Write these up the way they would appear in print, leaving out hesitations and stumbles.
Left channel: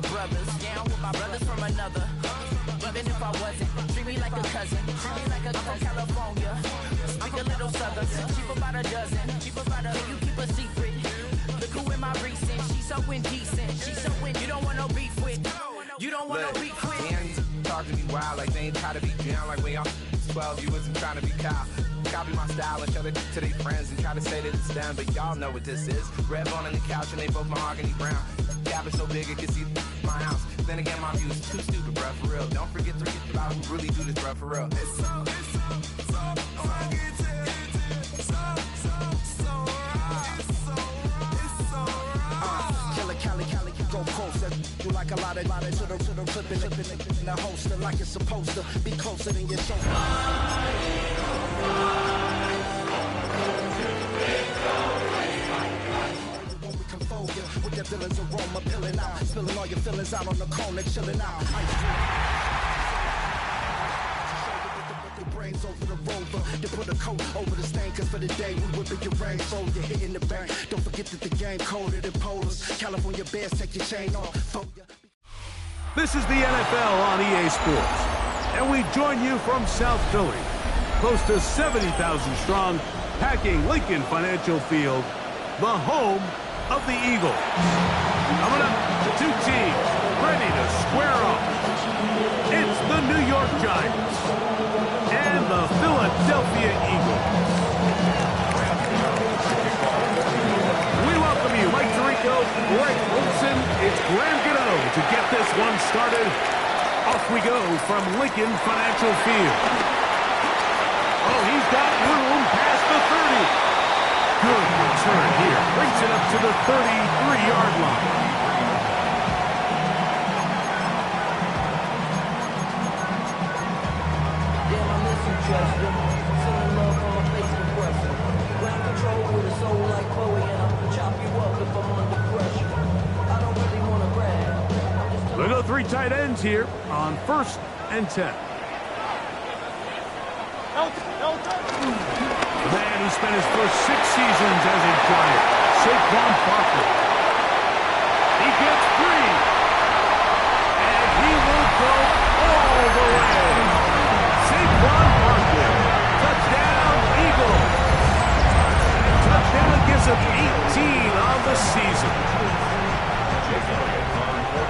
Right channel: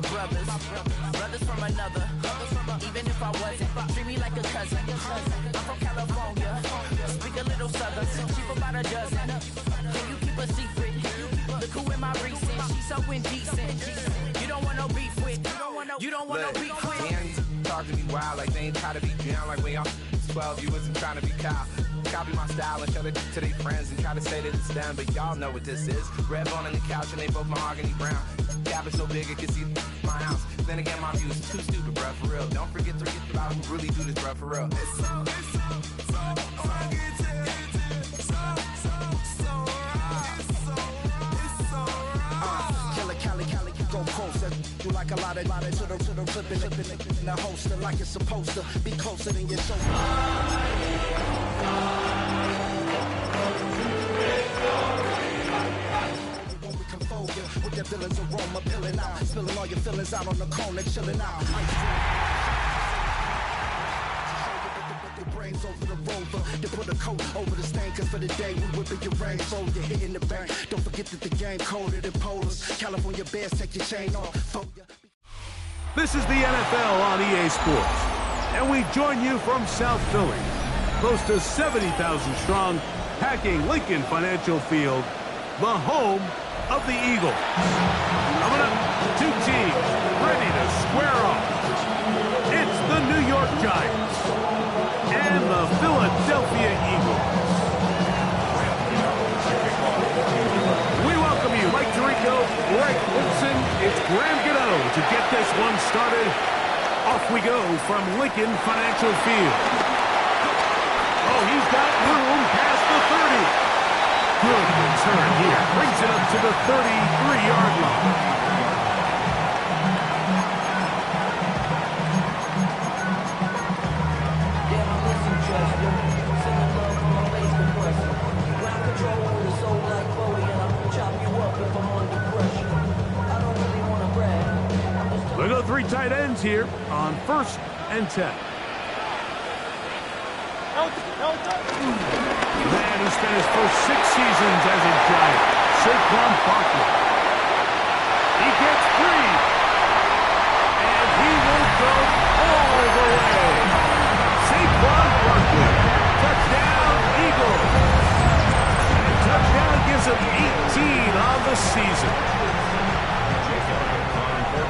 Brothers from another. Even if I wasn't, treat me like a cousin. I'm from California. Speak a little southern. Cheap about a dozen. Can you keep a secret? Look who in my recent. She's so indecent. You don't want no beef with. You don't want no beef with. Hands talk to me wild like they ain't try to be down like when y'all 12. You wasn't trying to be Kyle. Copy my style and show it to their friends and try to say that it's them, but y'all know what this is. Red bone on the couch and they both mahogany brown. Cabin so big it can see my house. Then again, my view is too stupid, bruh, for real. Don't forget to get about who really do this, bruh, for real. Cali, go closer. You like a lot of to the flipping in the holster like it's supposed to be closer than your shoulder. With that villain's aroma peeling out, spilling all your feelings out on the corner, chilling out. Ice cream. Your brains over the rover. They put a coat over the stain, cause for the day we whipping your rain. So you're hitting the bank. Don't forget that the game coded in polars. California Bears, take your chain off. This is the NFL on EA Sports, and we join you from South Philly, close to 70,000 strong, packing Lincoln Financial Field, the home of the Eagles. Coming up, two teams ready to square off. It's the New York Giants and the Philadelphia Eagles. We welcome you, Mike Tirico, Greg Olson. It's Graham Gano to get this one started. Off we go from Lincoln Financial Field. Oh, he's got room past the 30. Good return here. Brings it up to the 33-yard line. Damn, I listen, Chester. Sending love from my face compressor. Ground control with a soul like Bowie, and I'll chop you up if I'm under pressure. I don't really want to brag. We'll go three tight ends here on 1st and 10. The man who spent his first 6 seasons as a Giant, Saquon Barkley. He gets free, and he will go all the way. Saquon Barkley, touchdown Eagles. And touchdown gives him 18 on the season.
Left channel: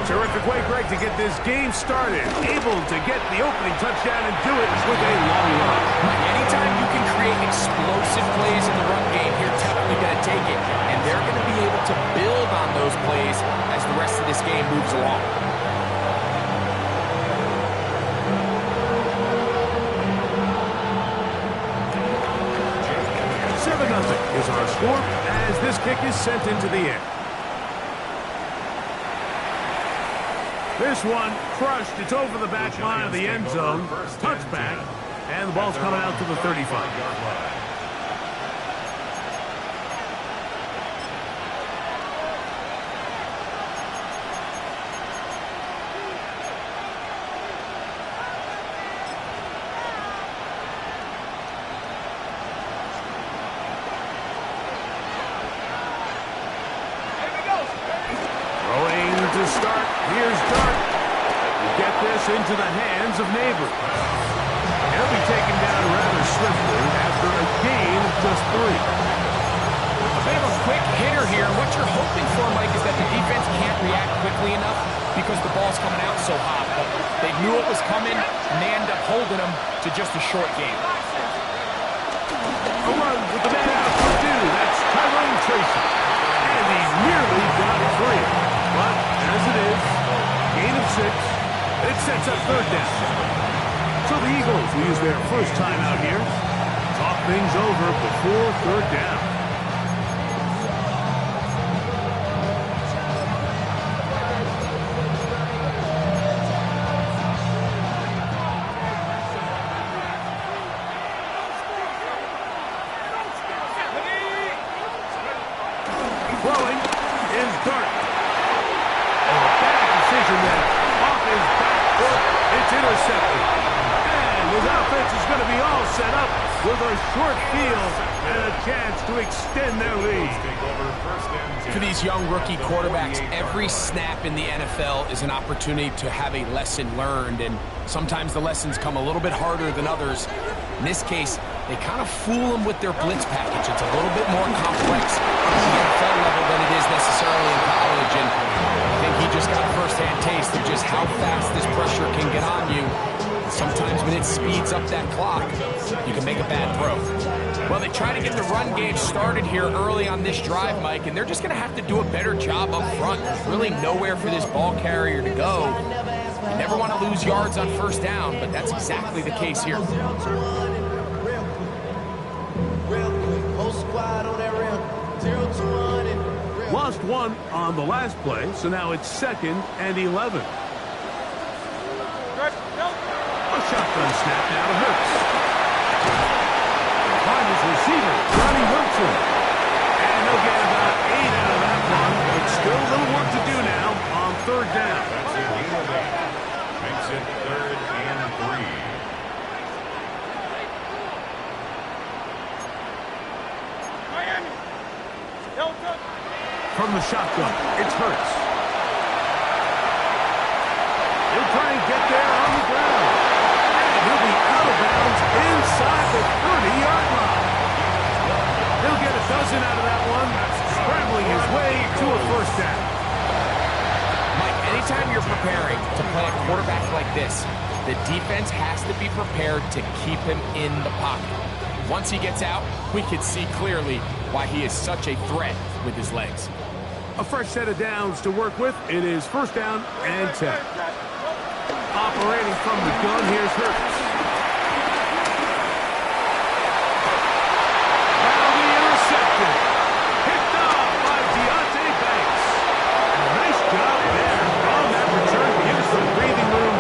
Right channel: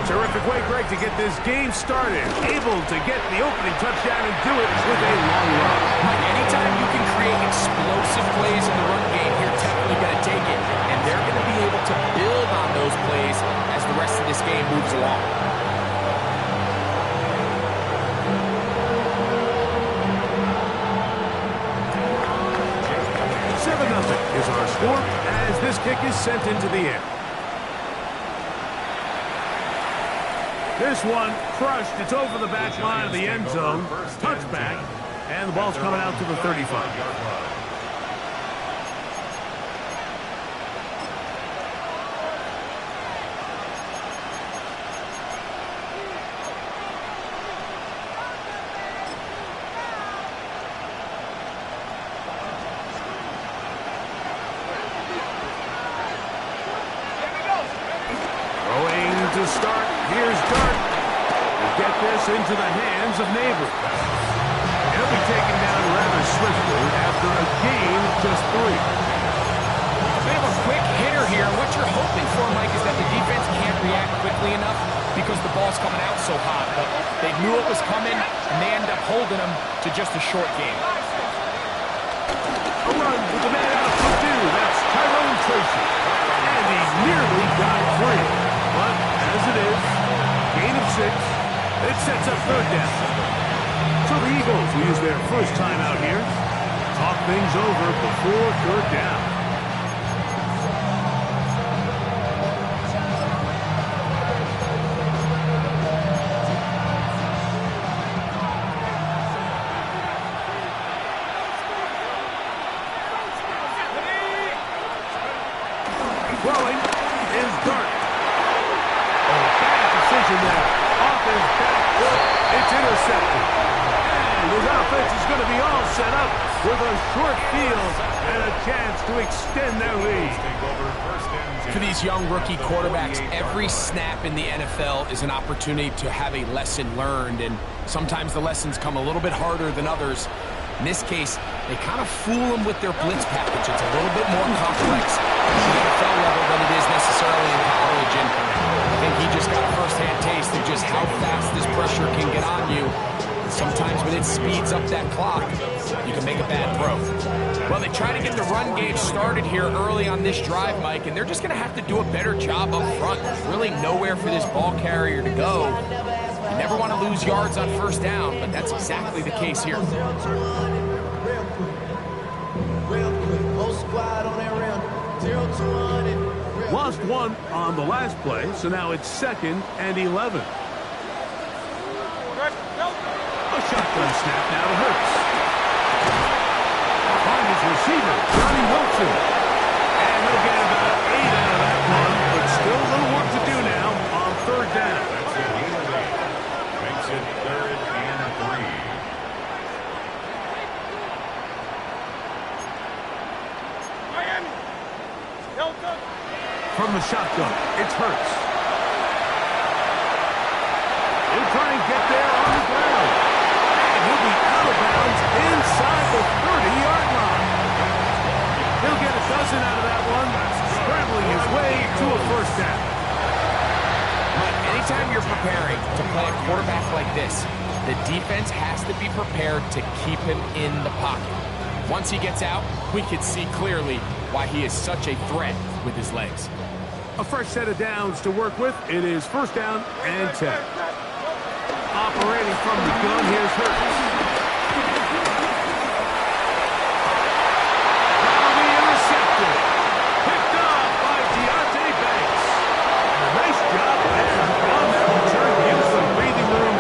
Terrific way, Greg, to get this game started. Able to get the opening touchdown and do it with a long run. Mike, anytime you can create explosive plays in the run game, you're definitely going to take it. And they're going to be able to build on those plays as the rest of this game moves along. is our score as this kick is sent into the air. This one crushed. It's over the back line of the end zone. Touchback. And the ball's coming out to the 35-yard line. Throwing to start. Here's Dart. We'll get this into the hands of Neighbors. He'll be taken down rather swiftly after a gain of just 3. A bit of a quick hitter here. What you're hoping for, Mike, is that the defense can't react quickly enough because the ball's coming out so hot. But they knew it was coming, and they ended up holding them to just a short gain. A run with the man out of Purdue. That's Tyrone Tracy. And he nearly got free. But as it is, gain of 6. It sets up third down. So the Eagles will use their first time out here. Talk things over before third down. Throwing is Dart. Oh, a bad decision there. Off his back foot. It's intercepted. And his offense is going to be all set up with a short field and a chance to extend their lead. For these young rookie quarterbacks, every snap in the NFL is an opportunity to have a lesson learned, and sometimes the lessons come a little bit harder than others. In this case, they kind of fool them with their blitz package. It's a little bit more complex at the NFL level than it is necessarily in college, and I think he just got a first-hand taste of just how fast this pressure can get on you. Sometimes when it speeds up that clock, you can make a bad throw. Well, they try to get the run game started here early on this drive, Mike, and they're just going to have to do a better job up front. There's really nowhere for this ball carrier to go. You never want to lose yards on first down, but that's exactly the case here. Lost one on the last play, so now it's 2nd and 11. A shotgun snap now to Hurts. Find his receiver, Johnny Wilson. And they'll get about 8 out of that one, but still a little work to do now on 3rd down. That's it. Makes it 3rd and 3. From the shotgun, it's Hurts. He'll try and get there on the ground. And he'll be out of bounds inside the 30-yard line. He'll get a dozen out of that one, scrambling his way to a first down. Mike, anytime you're preparing to play a quarterback like this, the defense has to be prepared to keep him in the pocket. Once he gets out, we can see clearly why he is such a threat with his legs. A fresh set of downs to work with. It is 1st down and 10. Operating from the gun, here's Hurts. That'll be intercepted. Picked off by Deontay Banks. And a nice job there on that return to give us some breathing room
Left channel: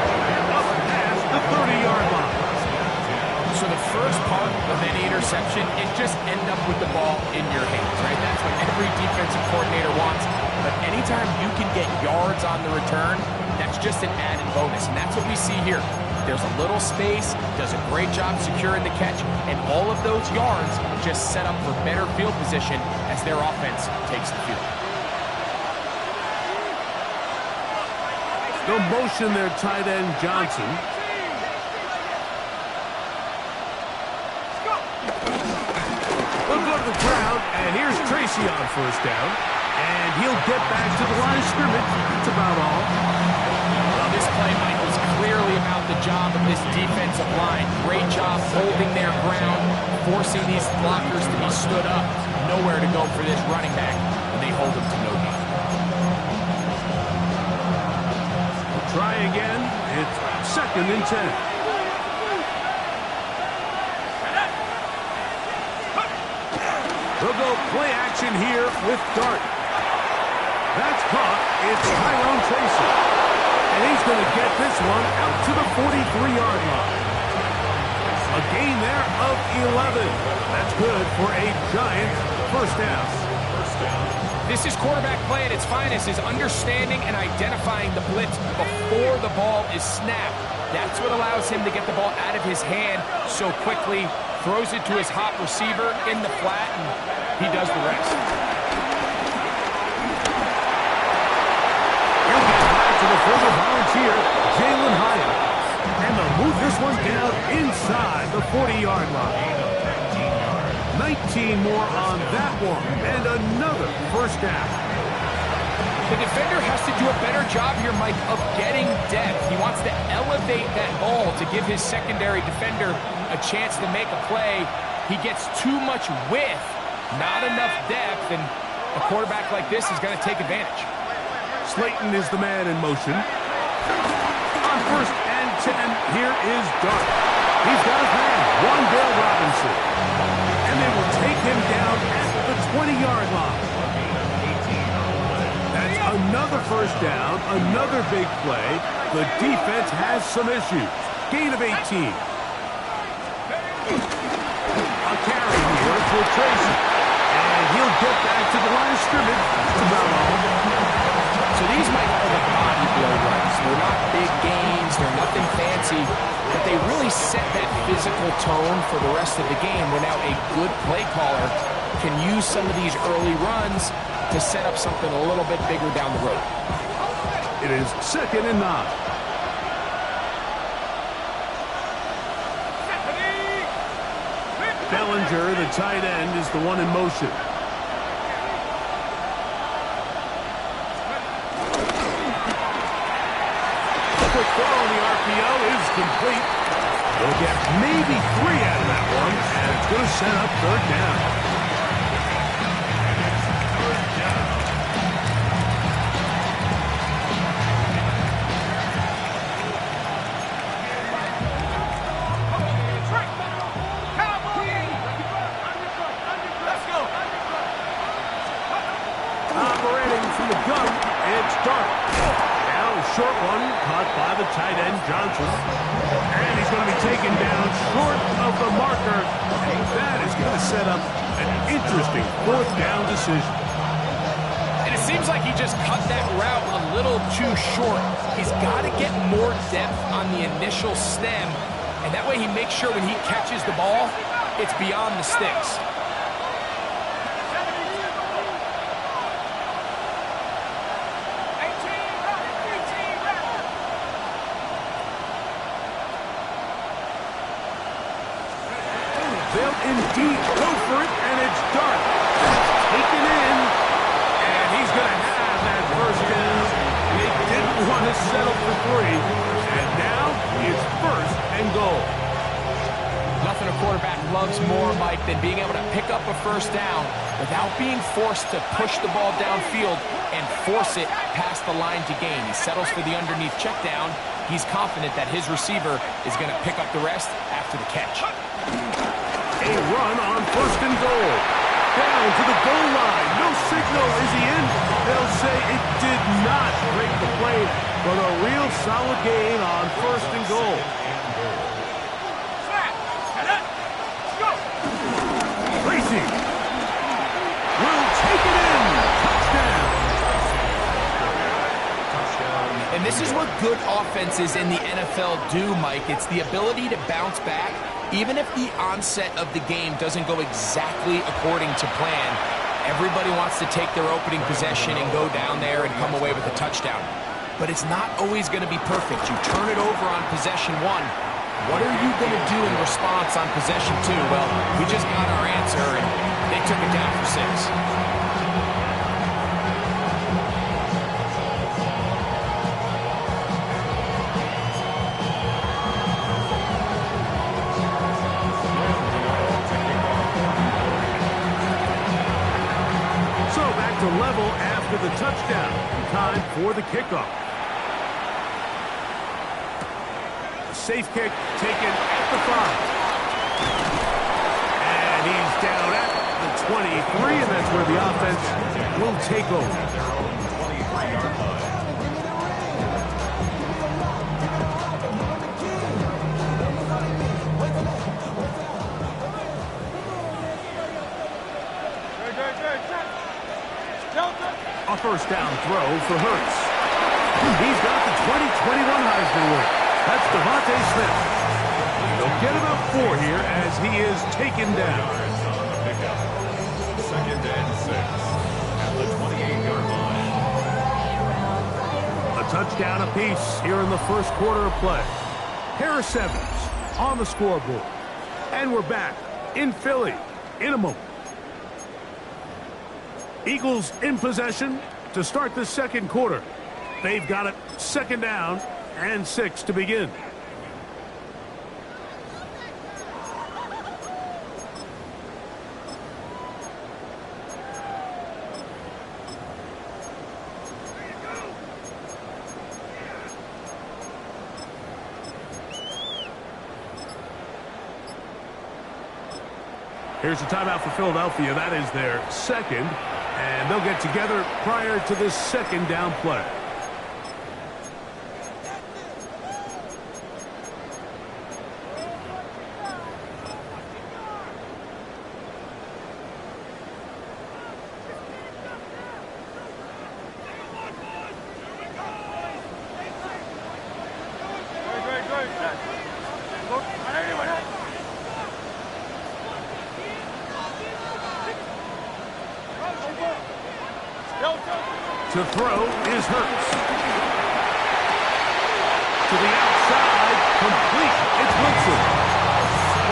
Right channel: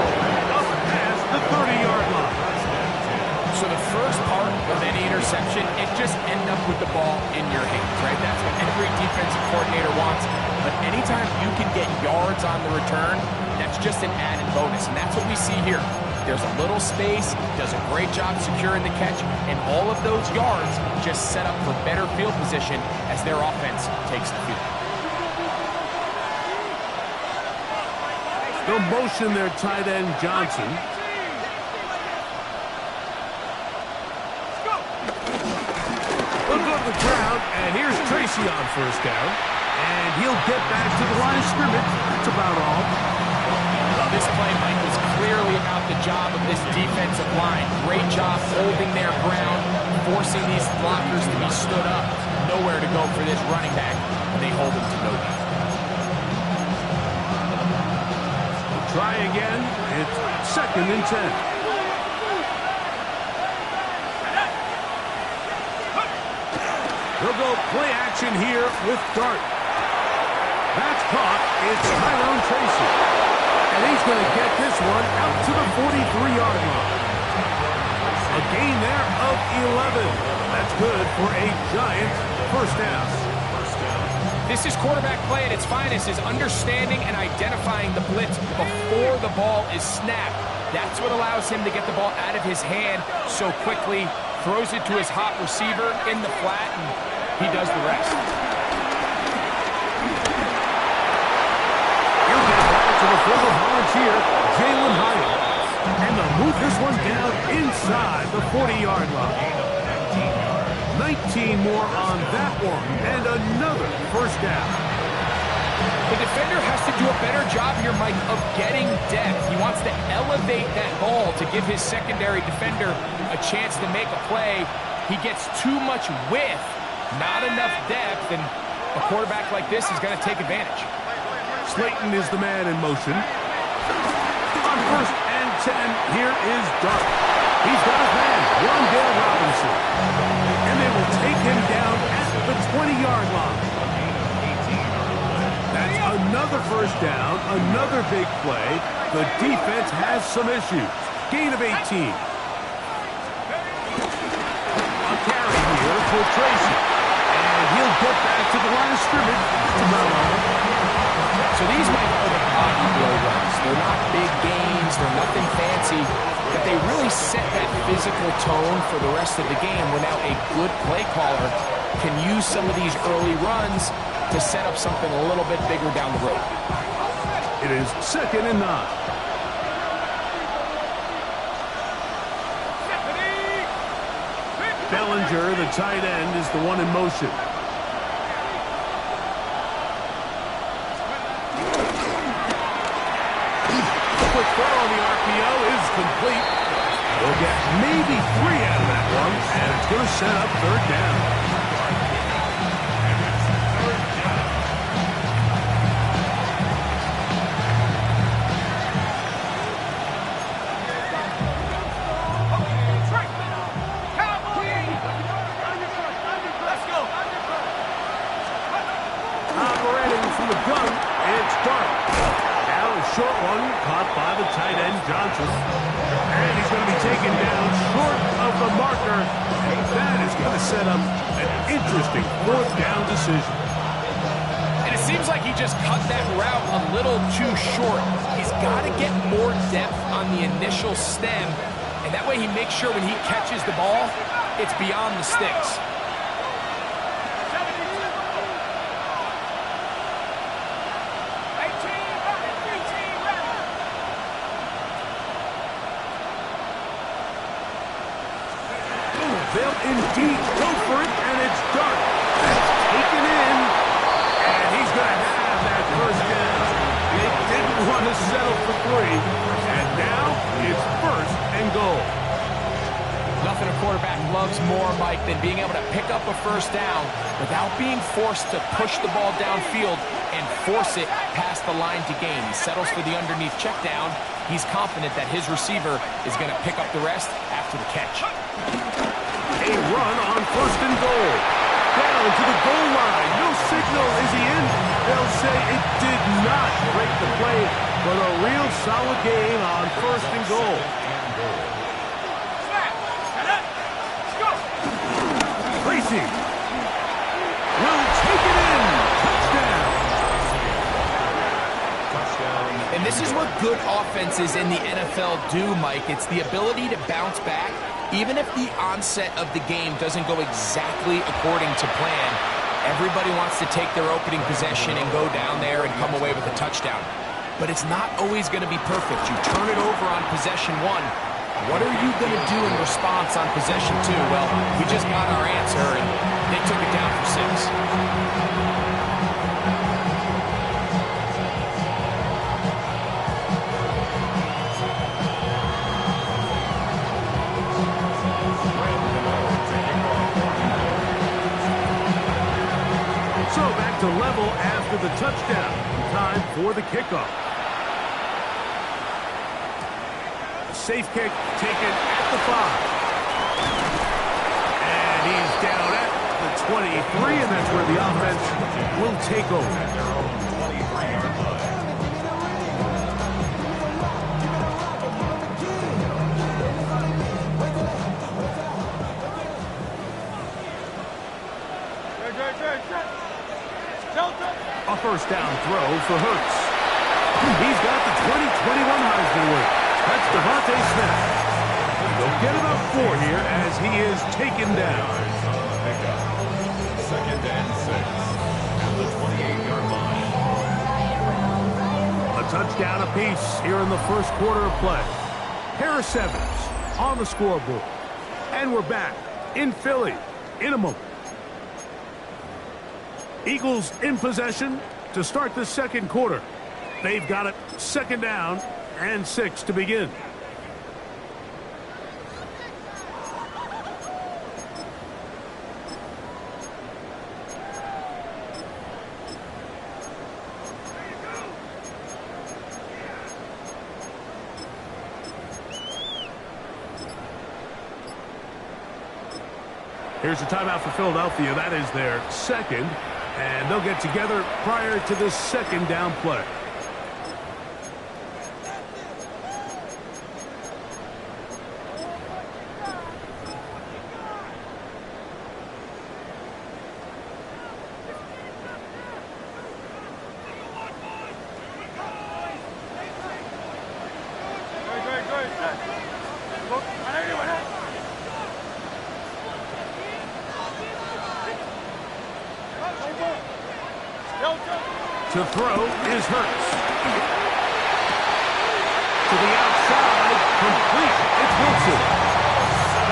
up past the 30-yard line. So the first part of any interception is just end up with the ball in your hands, right? That's what every defensive coordinator wants. But anytime you can get yards on the return, that's just an added bonus. And that's what we see here. There's a little space, does a great job securing the catch, and all of those yards just set up for better field position as their offense takes the field. They'll motion their tight end, Johnson. They'll go to the ground, and here's Tracy on 1st down. And he'll get back to the line of scrimmage. That's about all. Well, this play, Mike, was clearly about the job of this defensive line. Great job holding their ground, forcing these blockers to be stood up. Nowhere to go for this running back, and they hold him to no gain. We'll try again. It's 2nd and 10. They'll go play action here with Dart. That's caught. It's Tyrone Tracy. And he's going to get this one out to the 43-yard line. A gain there of 11. That's good for a giant first down. This is quarterback play at its finest, is understanding and identifying the blitz before the ball is snapped. That's what allows him to get the ball out of his hand so quickly, throws it to his hot receiver in the flat, and he does the rest. He'll get back to the former Volunteer, Jalen Hyatt. And they'll move this one down inside the 40-yard line. 19 more on that one, and another first down. The defender has to do a better job here, Mike, of getting depth. He wants to elevate that ball to give his secondary defender a chance to make a play. He gets too much width, not enough depth, and a quarterback like this is going to take advantage. Slayton is the man in motion. On 1st and 10, here is Dart. He's got his man, Wan'Dale Robinson. And they will take him down at the 20-yard line. That's another first down, another big play. The defense has some issues. Gain of 18. A carry here for Tracy. And he'll get back to the line of scrimmage. That's about all. So these, Mike, are the body blow runs. They're not big gains. They're nothing fancy. efficiency, but they really set that physical tone for the rest of the game where now a good play caller can use some of these early runs to set up something a little bit bigger down the road. It is 2nd and 9. Bellinger, the tight end, is the one in motion. Quick throw on the RPO is complete. They'll get maybe 3 out of that one, and it's going to set up 3rd down. Operating from the gun, it's Dart. Now a short one caught by the tight end Johnson. And he's going to be taken down short of the marker. And that is going to set up an interesting 4th down decision. And it seems like he just cut that route a little too short. He's got to get more depth on the initial stem. And that way he makes sure when he catches the ball, it's beyond the sticks. They'll indeed go for it, and it's Dart. That's taken in, and he's going to have that 1st down. They didn't want to settle for 3, and now it's 1st and goal. Nothing a quarterback loves more, Mike, than being able to pick up a 1st down without being forced to push the ball downfield and force it past the line to gain. He settles for the underneath check down. He's confident that his receiver is going to pick up the rest after the catch. A run on 1st and goal. Down to the goal line. No signal. Is he in? They'll say it did not break the play, but a real solid gain on 1st and goal. Tracy will take it in. Touchdown. And this is what good offenses in the NFL do, Mike. It's the ability to bounce back. Even if the onset of the game doesn't go exactly according to plan, everybody wants to take their opening possession and go down there and come away with a touchdown. But it's not always going to be perfect. You turn it over on possession 1. What are you going to do in response on possession 2? Well, we just got our answer, and they took it down for 6. So back to level after the touchdown. Time for the kickoff. A safe kick taken at the 5. And he's down at the 23, and that's where the offense will take over. A 1st down throw for Hurts. He's got the 2021 Heisman winner. That's Devontae Smith. They'll get about 4 here as he is taken down. On the pickup. 2nd and 6 at the 28-yard line. A touchdown apiece here in the 1st quarter of play. Harris Evans on the scoreboard. And we're back in Philly in a moment. Eagles in possession to start the 2nd quarter. They've got it 2nd down and 6 to begin. Here's a timeout for Philadelphia. That is their 2nd. And they'll get together prior to the 2nd down play. To throw is Hurts. To the outside, complete. It's Wilson.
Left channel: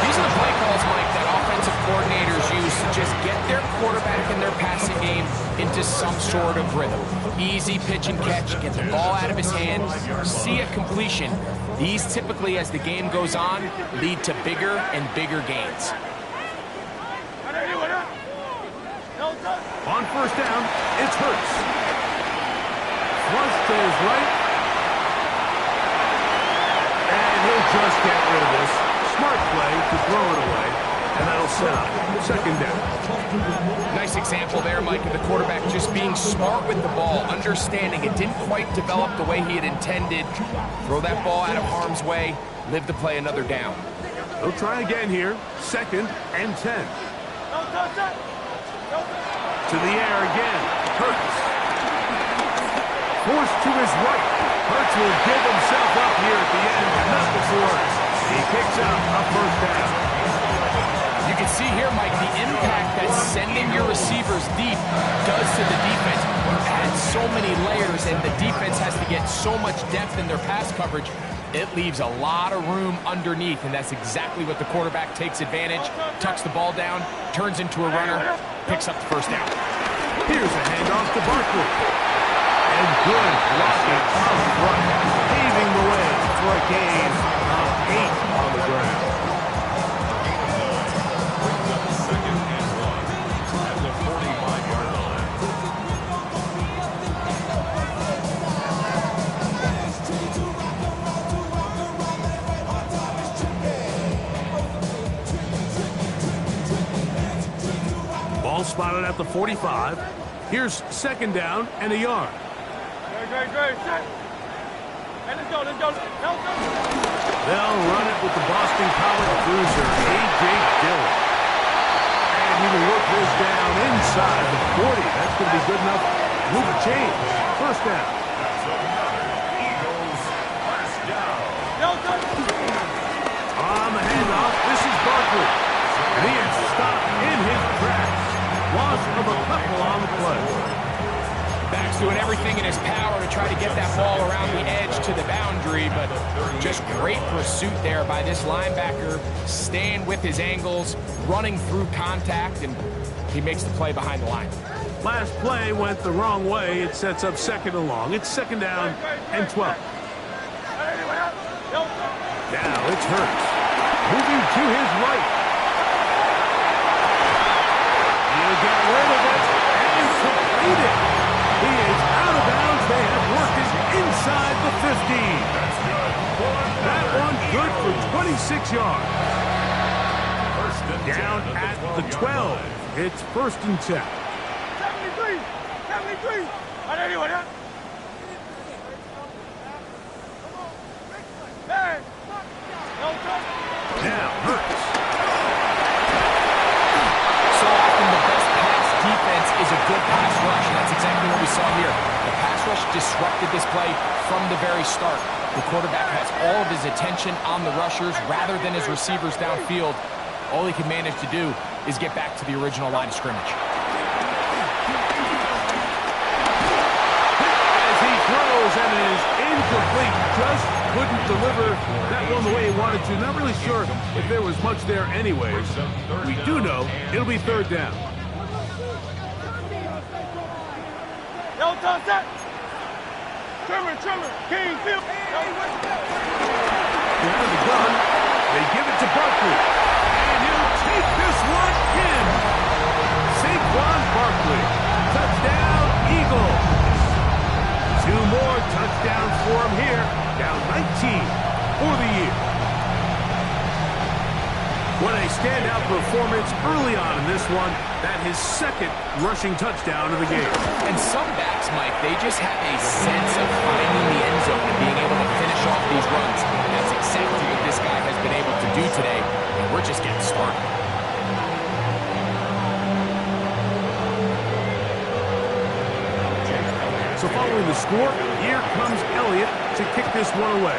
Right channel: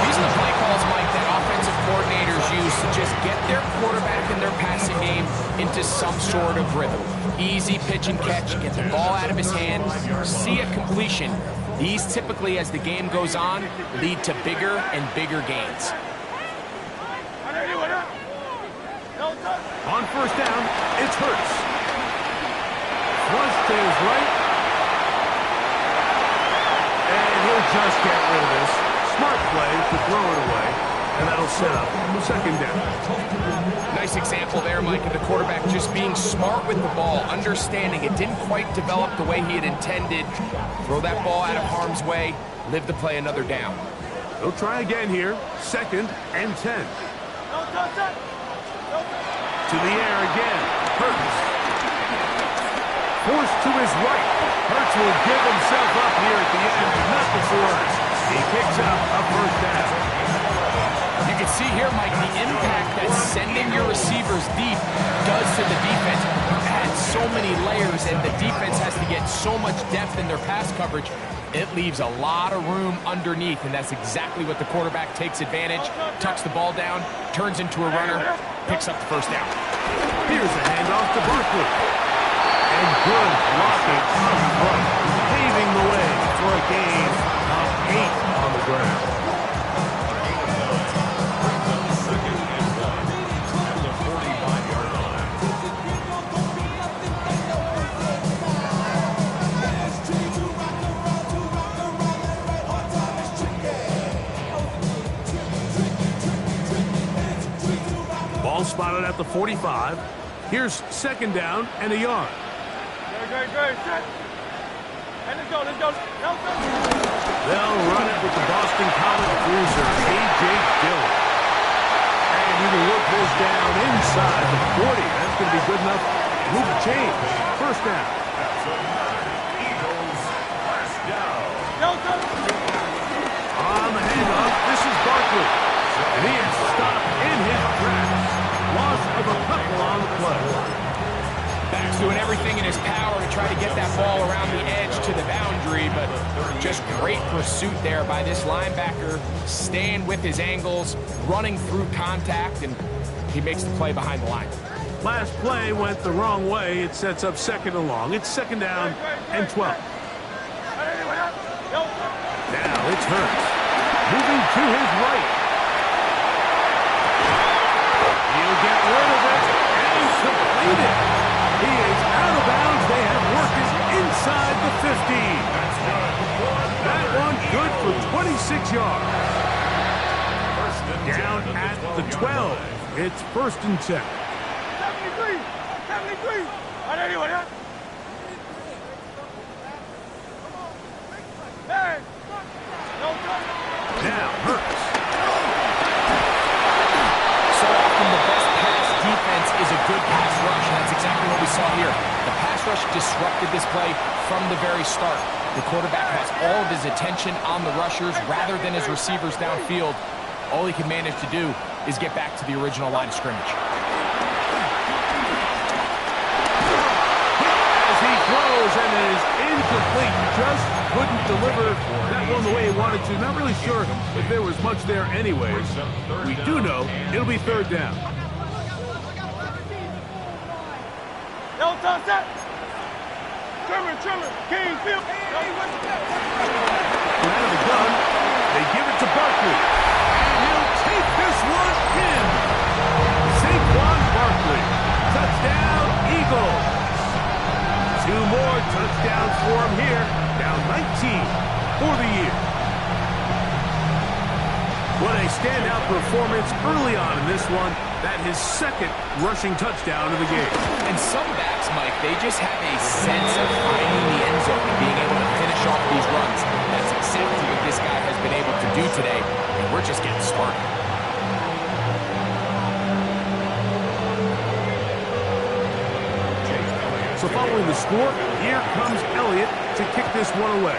These are the play calls, Mike, that offensive coordinators use to just get their quarterback and their passing game into some sort of rhythm. Easy pitch and catch, get the ball out of his hand, see a completion. These typically, as the game goes on, lead to bigger and bigger gains. On first down, it's Hurts. Flush to his right. And he'll just get rid of this. Smart play to throw it away. And that'll set up second down. Nice example there, Mike, of the quarterback just being smart with the ball, understanding it didn't quite develop the way he had intended. Throw that ball out of harm's way, live to play another down. They'll try again here. 2nd and 10. To the air again. Hurts. Forced to his right. Hurts will give himself up here at the end. Not before he picks up a first down. You can see here, Mike, the impact that sending your receivers deep does to the defense. You add so many layers, and the defense has to get so much depth in their pass coverage. It leaves a lot of room underneath, and that's exactly what the quarterback takes advantage, tucks the ball down, turns into a runner, picks up the first down. Here's a handoff to Barkley. And good blocking up front, paving the way for a gain of 8 on the ground. A gain of 9 brings up 2nd and 1 at the 45-yard line. Ball spotted at the 45. Here's 2nd down and a yard. Great. Hey, let's go. They'll run it with the Boston College cruiser, A.J. Dillon. And he will work this down inside the 40. That's going to be good enough. Move the chains. First down. That's another Eagles first down. On the handoff, this is Barkley. And he is stopped in his tracks. Loss of a couple on the play. Back's doing everything in his power to try to get that ball around the edge to the boundary, but just great pursuit there by this linebacker, staying with his angles, running through contact, and he makes the play behind the line. Last play went the wrong way. It sets up 2nd and long. It's 2nd down and 12. Now it's Hurts. Moving to his right. He'll get rid of it and complete it. He is out of bounds. They have worked it inside the 15. That's good. That one good for 26 yards. First and 10 Down at the 12. It's 1st and 10. 73. Now Hurts. So often the best pass defense is a good pass rush, and that's exactly what we saw here. The pass rush disrupted this play from the very start. The quarterback has all of his attention on the rushers rather than his receivers downfield. All he can manage to do is get back to the original line of scrimmage. As he throws and it is incomplete. Just couldn't deliver that one the way he wanted to. Not really sure if there was much there anyways. We do know it'll be 3rd down. Trimmer, King, Field. Out of the gun, they give it to Barkley. And he'll take this one in. Saquon Barkley. Touchdown, Eagles. 2 more touchdowns for him here. Down 19 for the year. What a standout performance early on in this one. That his 2nd rushing touchdown of the game. And some backs, Mike, they just have a sense of finding the end zone and being able to finish off these runs. That's exactly what this guy has been able to do today, and we're just getting started. So following the score, here comes Elliott to kick this one away.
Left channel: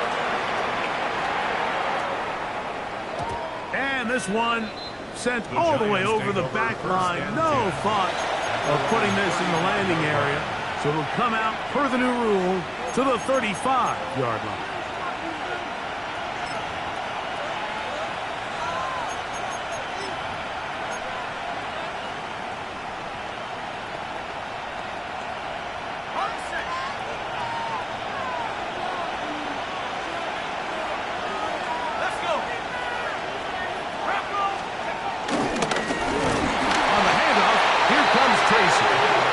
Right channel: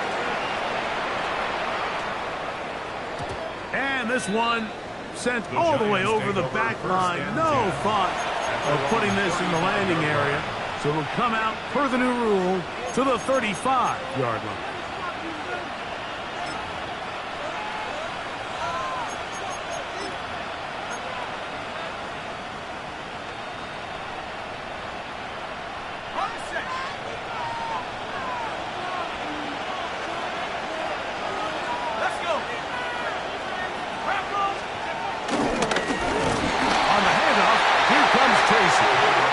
And this one sent all the way over the back line. No thought of putting this in the landing area. So it'll come out, per the new rule, to the 35-yard line.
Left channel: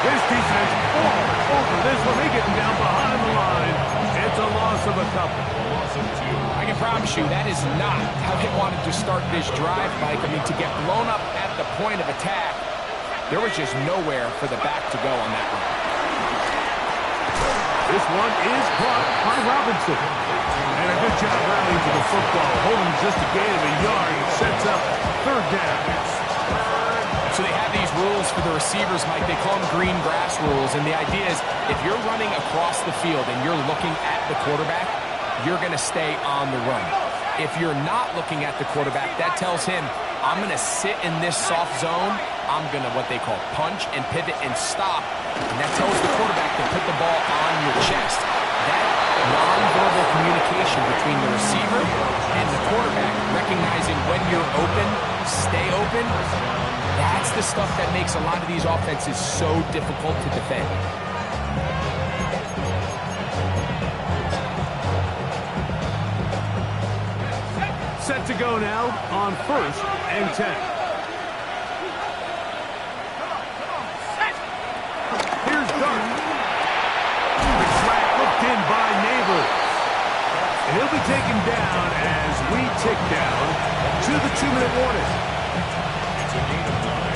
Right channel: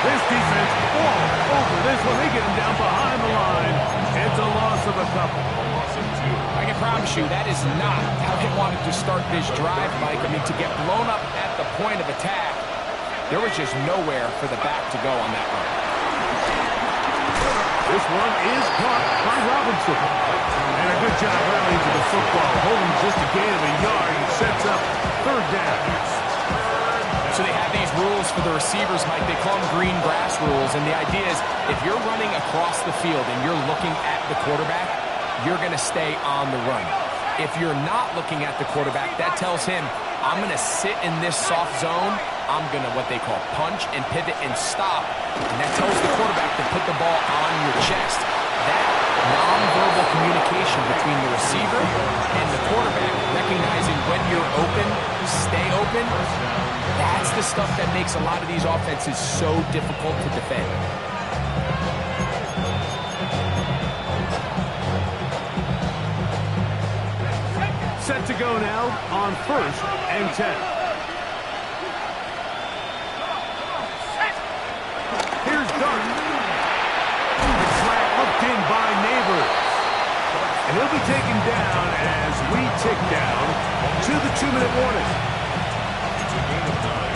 This defense all over this one. They get him down behind the line. It's a loss of a couple. A loss of 2. I can promise you that is not how they wanted to start this drive, Mike. I mean, to get blown up at the point of attack, there was just nowhere for the back to go on that run. This one is caught by Robinson. And a good job rallying to the football. Holding just a gain of a yard and sets up third down. So they have these rules for the receivers, Mike. They call them green grass rules. And the idea is if you're running across the field and you're looking at the quarterback, you're going to stay on the run. If you're not looking at the quarterback, that tells him, I'm going to sit in this soft zone. I'm going to what they call punch and pivot and stop. And that tells the quarterback to put the ball on your chest. That nonverbal communication between the receiver and the quarterback, recognizing when you're open, stay open, that's the stuff that makes a lot of these offenses so difficult to defend. Set to go now on 1st and 10. Here's Dart. The slant looked in by Neighbors. And he'll be taken down as we tick down to the 2-minute warning. It's a gain of 9.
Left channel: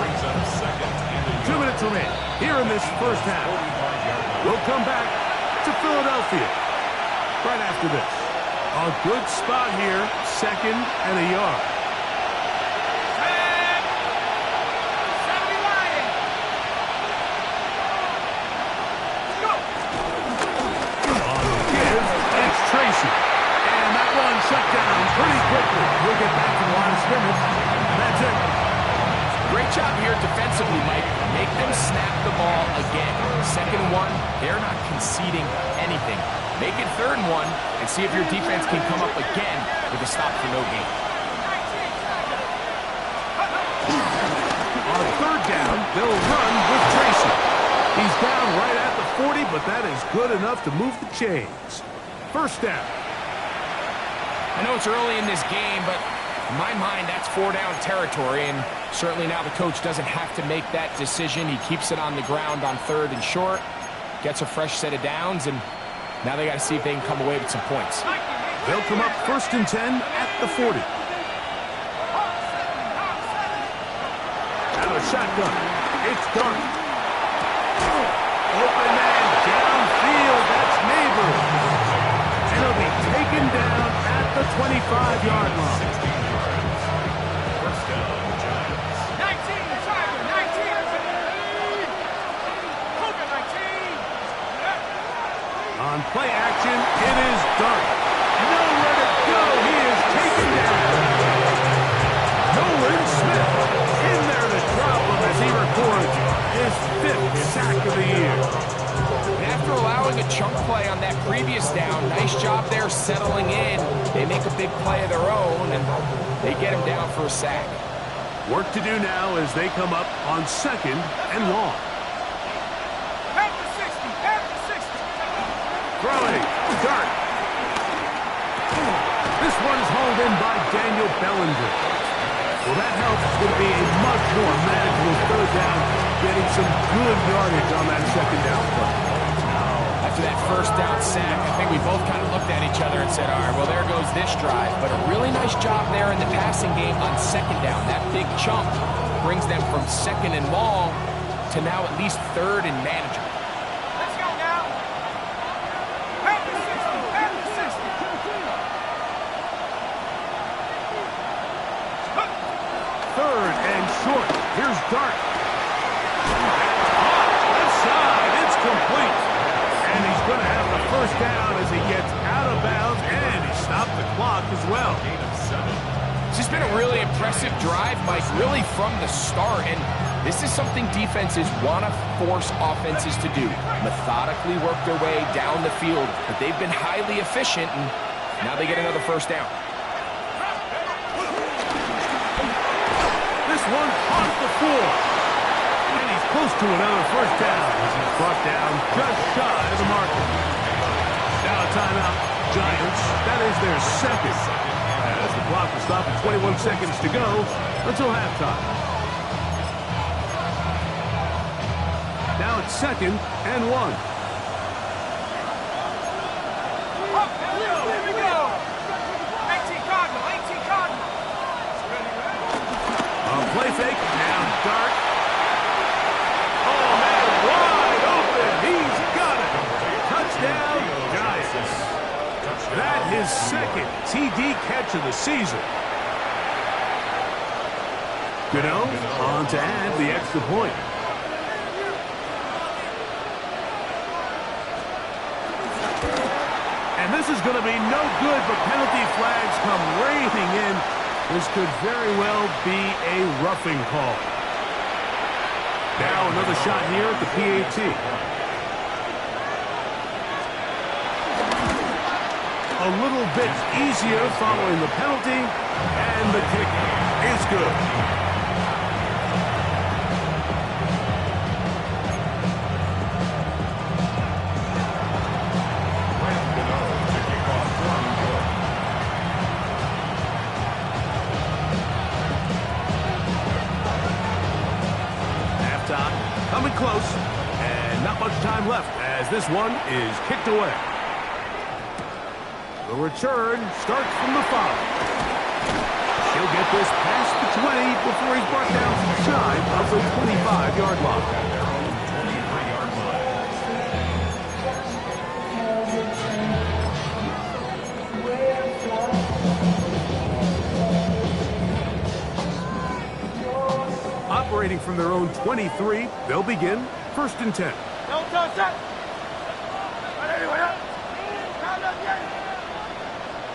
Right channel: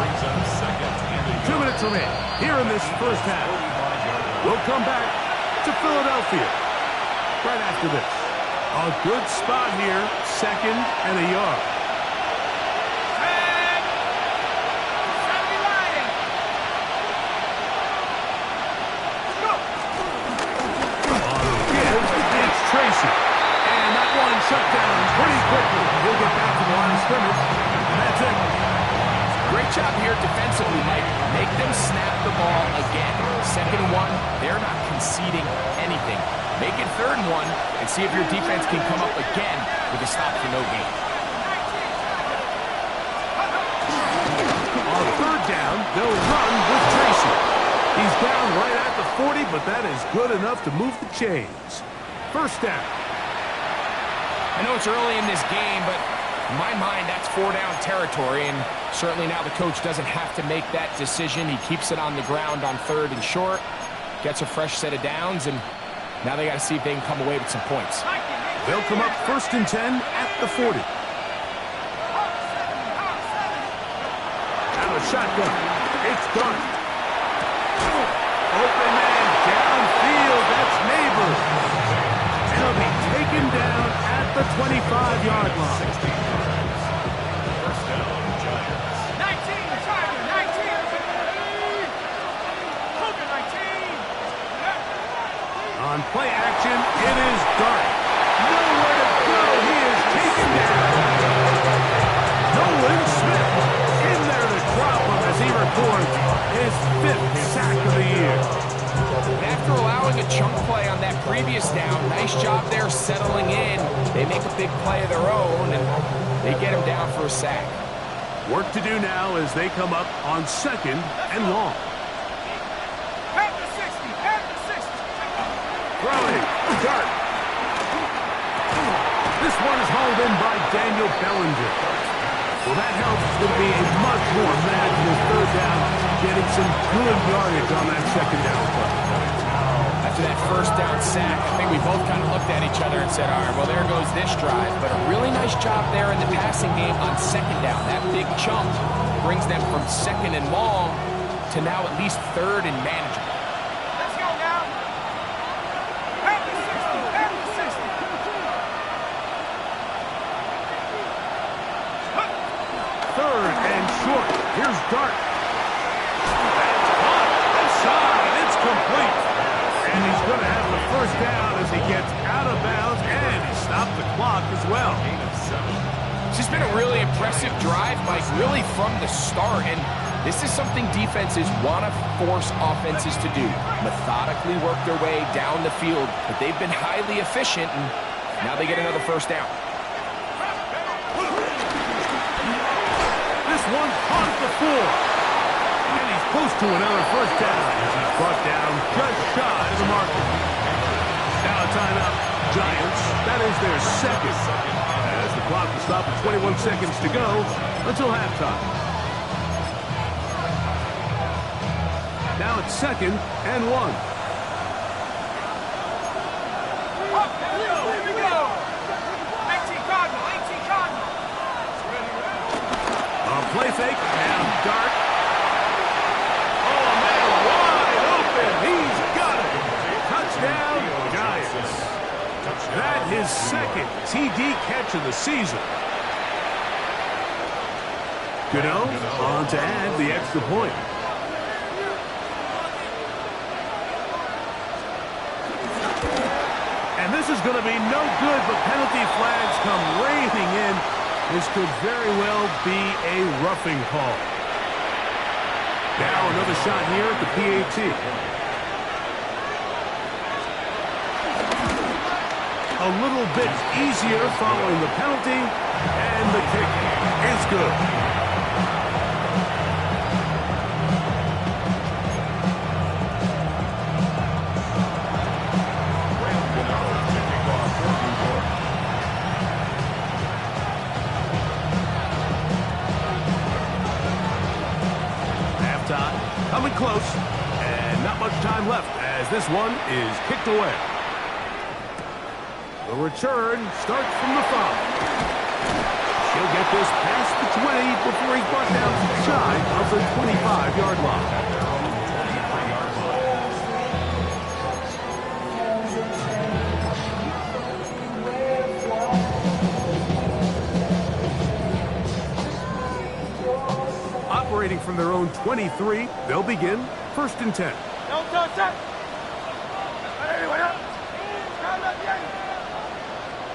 Brings up 2nd and a 2 minutes remain here in this first half. We'll come back to Philadelphia right after this. A good spot here, 2nd and a yard. On the give, it's Tracy. And that one shut down pretty quickly. He'll get back to the line of scrimmage. That's it. Great job here defensively, Mike. Make them snap the ball again. 2nd and 1, they're not conceding anything. Make it 3rd and 1 and see if your defense can come up again with a stop for no gain. On 3rd down, they'll run with Tracy. He's down right at the 40, but that is good enough to move the chains. 1st down. I know it's early in this game, but in my mind, that's 4-down territory, and certainly now the coach doesn't have to make that decision. He keeps it on the ground on 3rd and short, gets a fresh set of downs, and now they got to see if they can come away with some points. They'll come up 1st and 10 at the 40. Out of a shotgun, it's Dart. Open man downfield, that's Neighbors. And he'll be taken down at the 25-yard line. 16 yards. 1st down, Giants. 19, Tiger, 19. Cougar, 19. On play action, it is Dart. Nowhere to go. He is taken down. Nolan Smith in there to drop him as he records his 5th sack of the year. And after allowing a chunk play on that previous down, nice job there settling in. They make a big play of their own, and they get him down for a sack. Work to do now as they come up on 2nd and long. Half the 60, half the 60. Throwing, Dart. This one is hauled in by Daniel Bellinger. Well, that helps. It's going to be a much more manageable 3rd down, getting some good yardage on that 2nd down play. After that 1st down sack, I think we both kind of looked at each other and said, all right, well, there goes this drive. But a really nice job there in the passing game on 2nd down. That big chunk brings them from 2nd and long to now at least 3rd and manageable. Let's go now. Half the 60, half the 60. 3rd and short. Here's Dart. That's caught. Left side. It's complete. And he's going to have the 1st down as he gets out of bounds, and he stopped the clock as well. Gain of 7. It's just been a really impressive drive, Mike, really from the start. And this is something defenses want to force offenses to do. Methodically work their way down the field. But they've been highly efficient, and now they get another first down. This one on the floor. And he's close to another first down as he's brought down just shy of the marker. Now a timeout. Giants, that is their second. As the clock will stop at 21 seconds to go until halftime. Now it's 2nd and 1. Here we go. 18 Cardinal, 18 Cardinal. A play fake, now Dart. Oh, man, wide open. He's got it. Touchdown, Giants. That his second TD catch of the season. Gano on to add the extra point. And this is going to be no good, but penalty flags come raining in. This could very well be a roughing call. Now another shot here at the PAT. A little bit easier following the penalty, and the kick is good. To kick off for New York. Halftime coming close, and not much time left as this one is kicked away. The return starts from the 5. He'll get this past the 20 before he's brought down shy of the 25-yard line. At their own 23-yard line. Operating from their own 23, they'll begin 1st and 10. Don't touch that. Anyone else? Round up, yeah.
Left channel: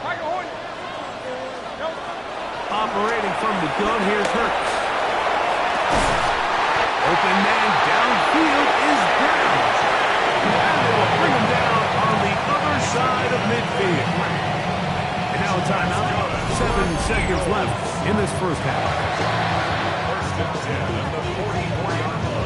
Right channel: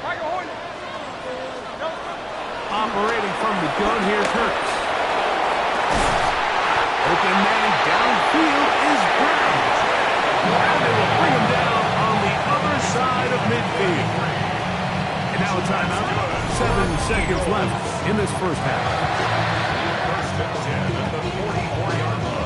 Like a hornet. Operating from the gun, here's Hurts. Open man downfield is Brown. And they will bring him down on the other side of midfield. And now a timeout. 7 seconds left in this first half. 1st and 10 at the 44-yard line.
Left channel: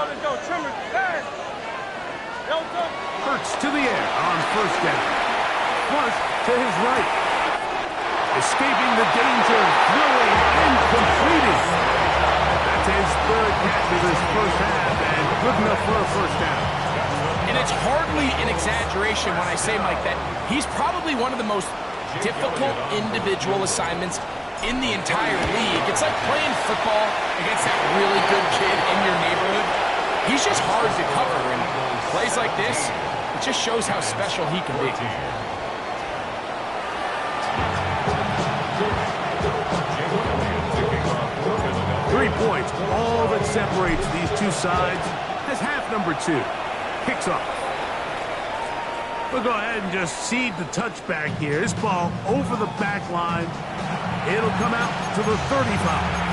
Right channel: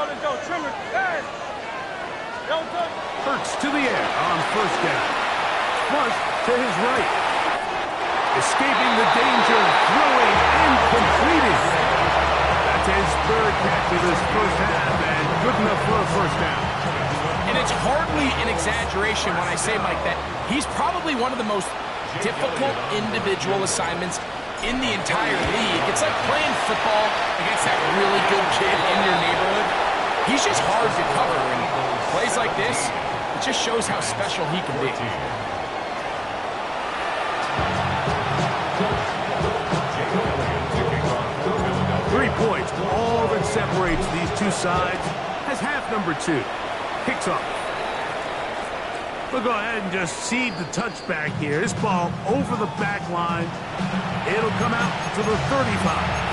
Let's go. Trimmer. Hey. Don't touch. Hurts to the air on 1st down. Flush to his right. Escaping the danger, throwing and completing. That's his 3rd catch of this first half, and good enough for a first down. And it's hardly an exaggeration when I say, Mike, that he's probably one of the most difficult individual assignments in the entire league. It's like playing football against that really good kid in your neighborhood. He's just hard to cover, and plays like this, it just shows how special he can be. 3 points, all that separates these two sides, as half number 2 kicks off. We'll go ahead and just cede the touchback here. This ball over the back line. It'll come out to the 35.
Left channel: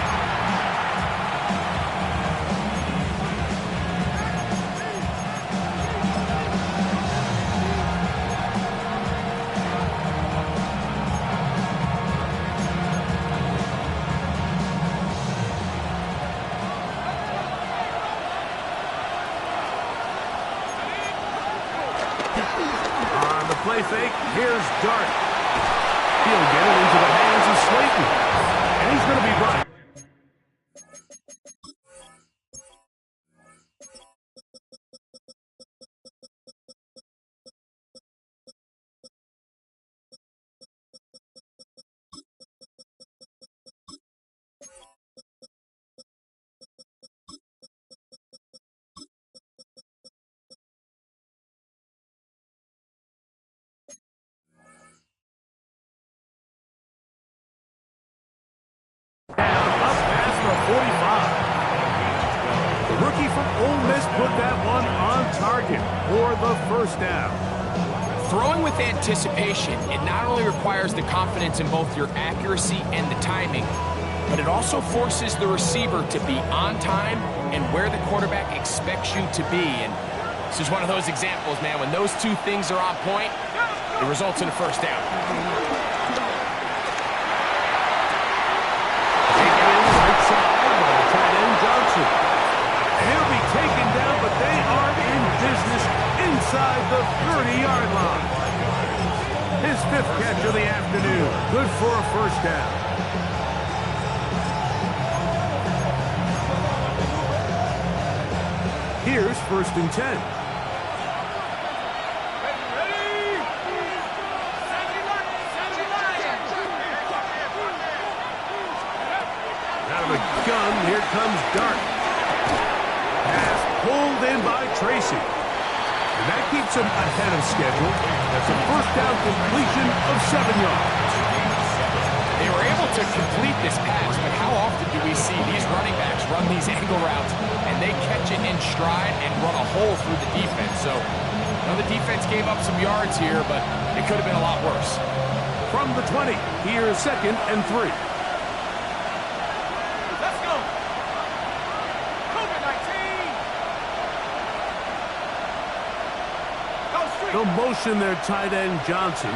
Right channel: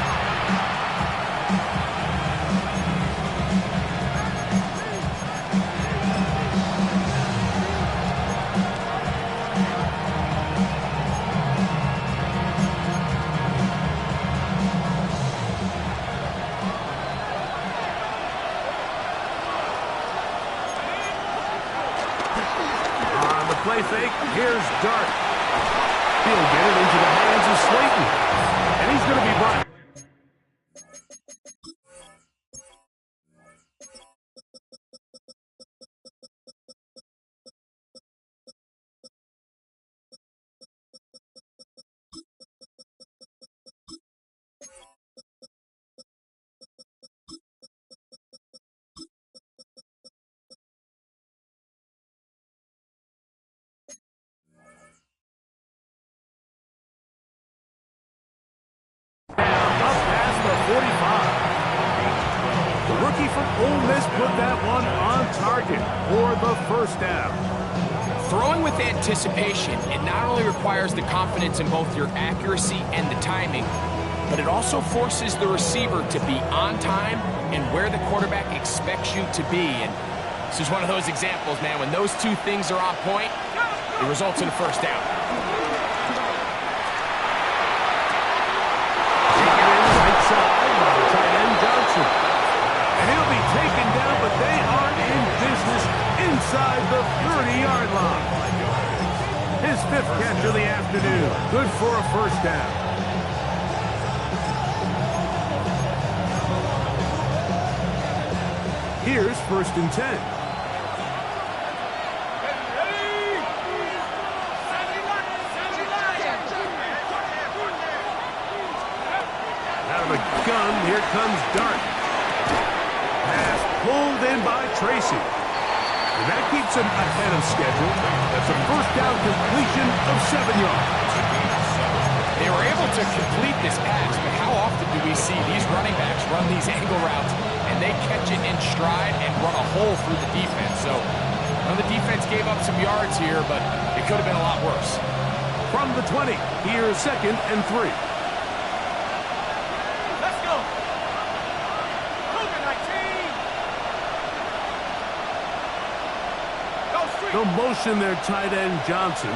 Play fake, here's Dart. He'll get it into the hands of Slayton. And he's going to be brought the 45. The rookie from Ole Miss put that one on target for the first down. Throwing with anticipation, it not only requires the confidence in both your accuracy and the timing, but it also forces the receiver to be on time and where the quarterback expects you to be. And this is one of those examples, man. When those two things are on point, it results in a first down. Taken in right side by the tight end Johnson. And he'll be taken down, but they are in business inside the 30-yard line. His 5th catch of the afternoon. Good for a first down. Here's 1st and 10. Out of the gun, here comes Dart. Pass pulled in by Tracy. And that keeps him ahead of schedule. That's a first down completion of 7 yards. They were able to complete this pass, but how often do we see these running backs run these angle routes and they catch it in stride and run a hole through the defense? So, the defense gave up some yards here, but it could have been a lot worse. From the 20, here's 2nd and 3. Let's go. Cougar 19. Go street. They'll motion their tight end Johnson.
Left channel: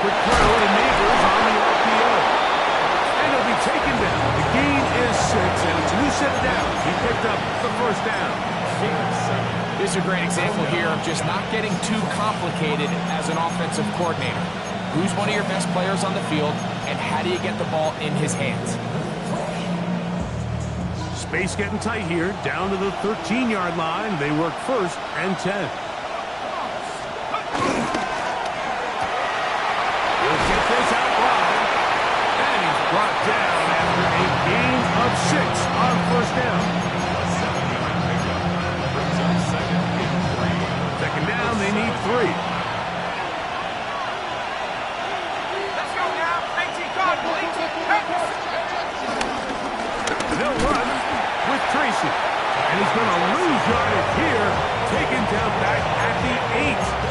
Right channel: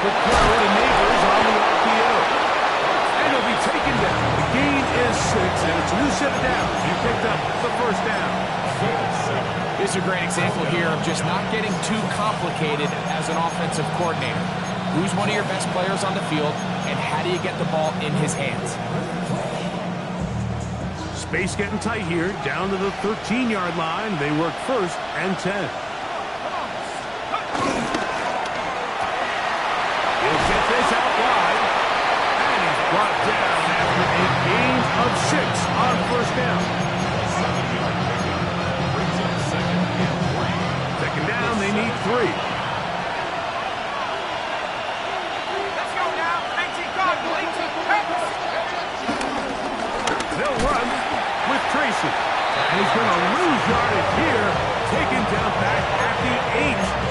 Quick throw to Neighbors on the RPO. And he'll be taken down. The gain is 6, and it's a new set of downs. He picked up the first down. This is a great example here of just not getting too complicated as an offensive coordinator. Who's one of your best players on the field, and how do you get the ball in his hands? Space getting tight here. Down to the 13-yard line. They work 1st and 10. He'll get this out wide. And he's brought down after a gain of 6 on first down. A 7-yard pickup brings up 2nd and 3. Second down, they need 3. Let's go now. 18 Cardinal. 18. They'll run with Tracy. And he's going to lose yardage here. Taken down back at the 8.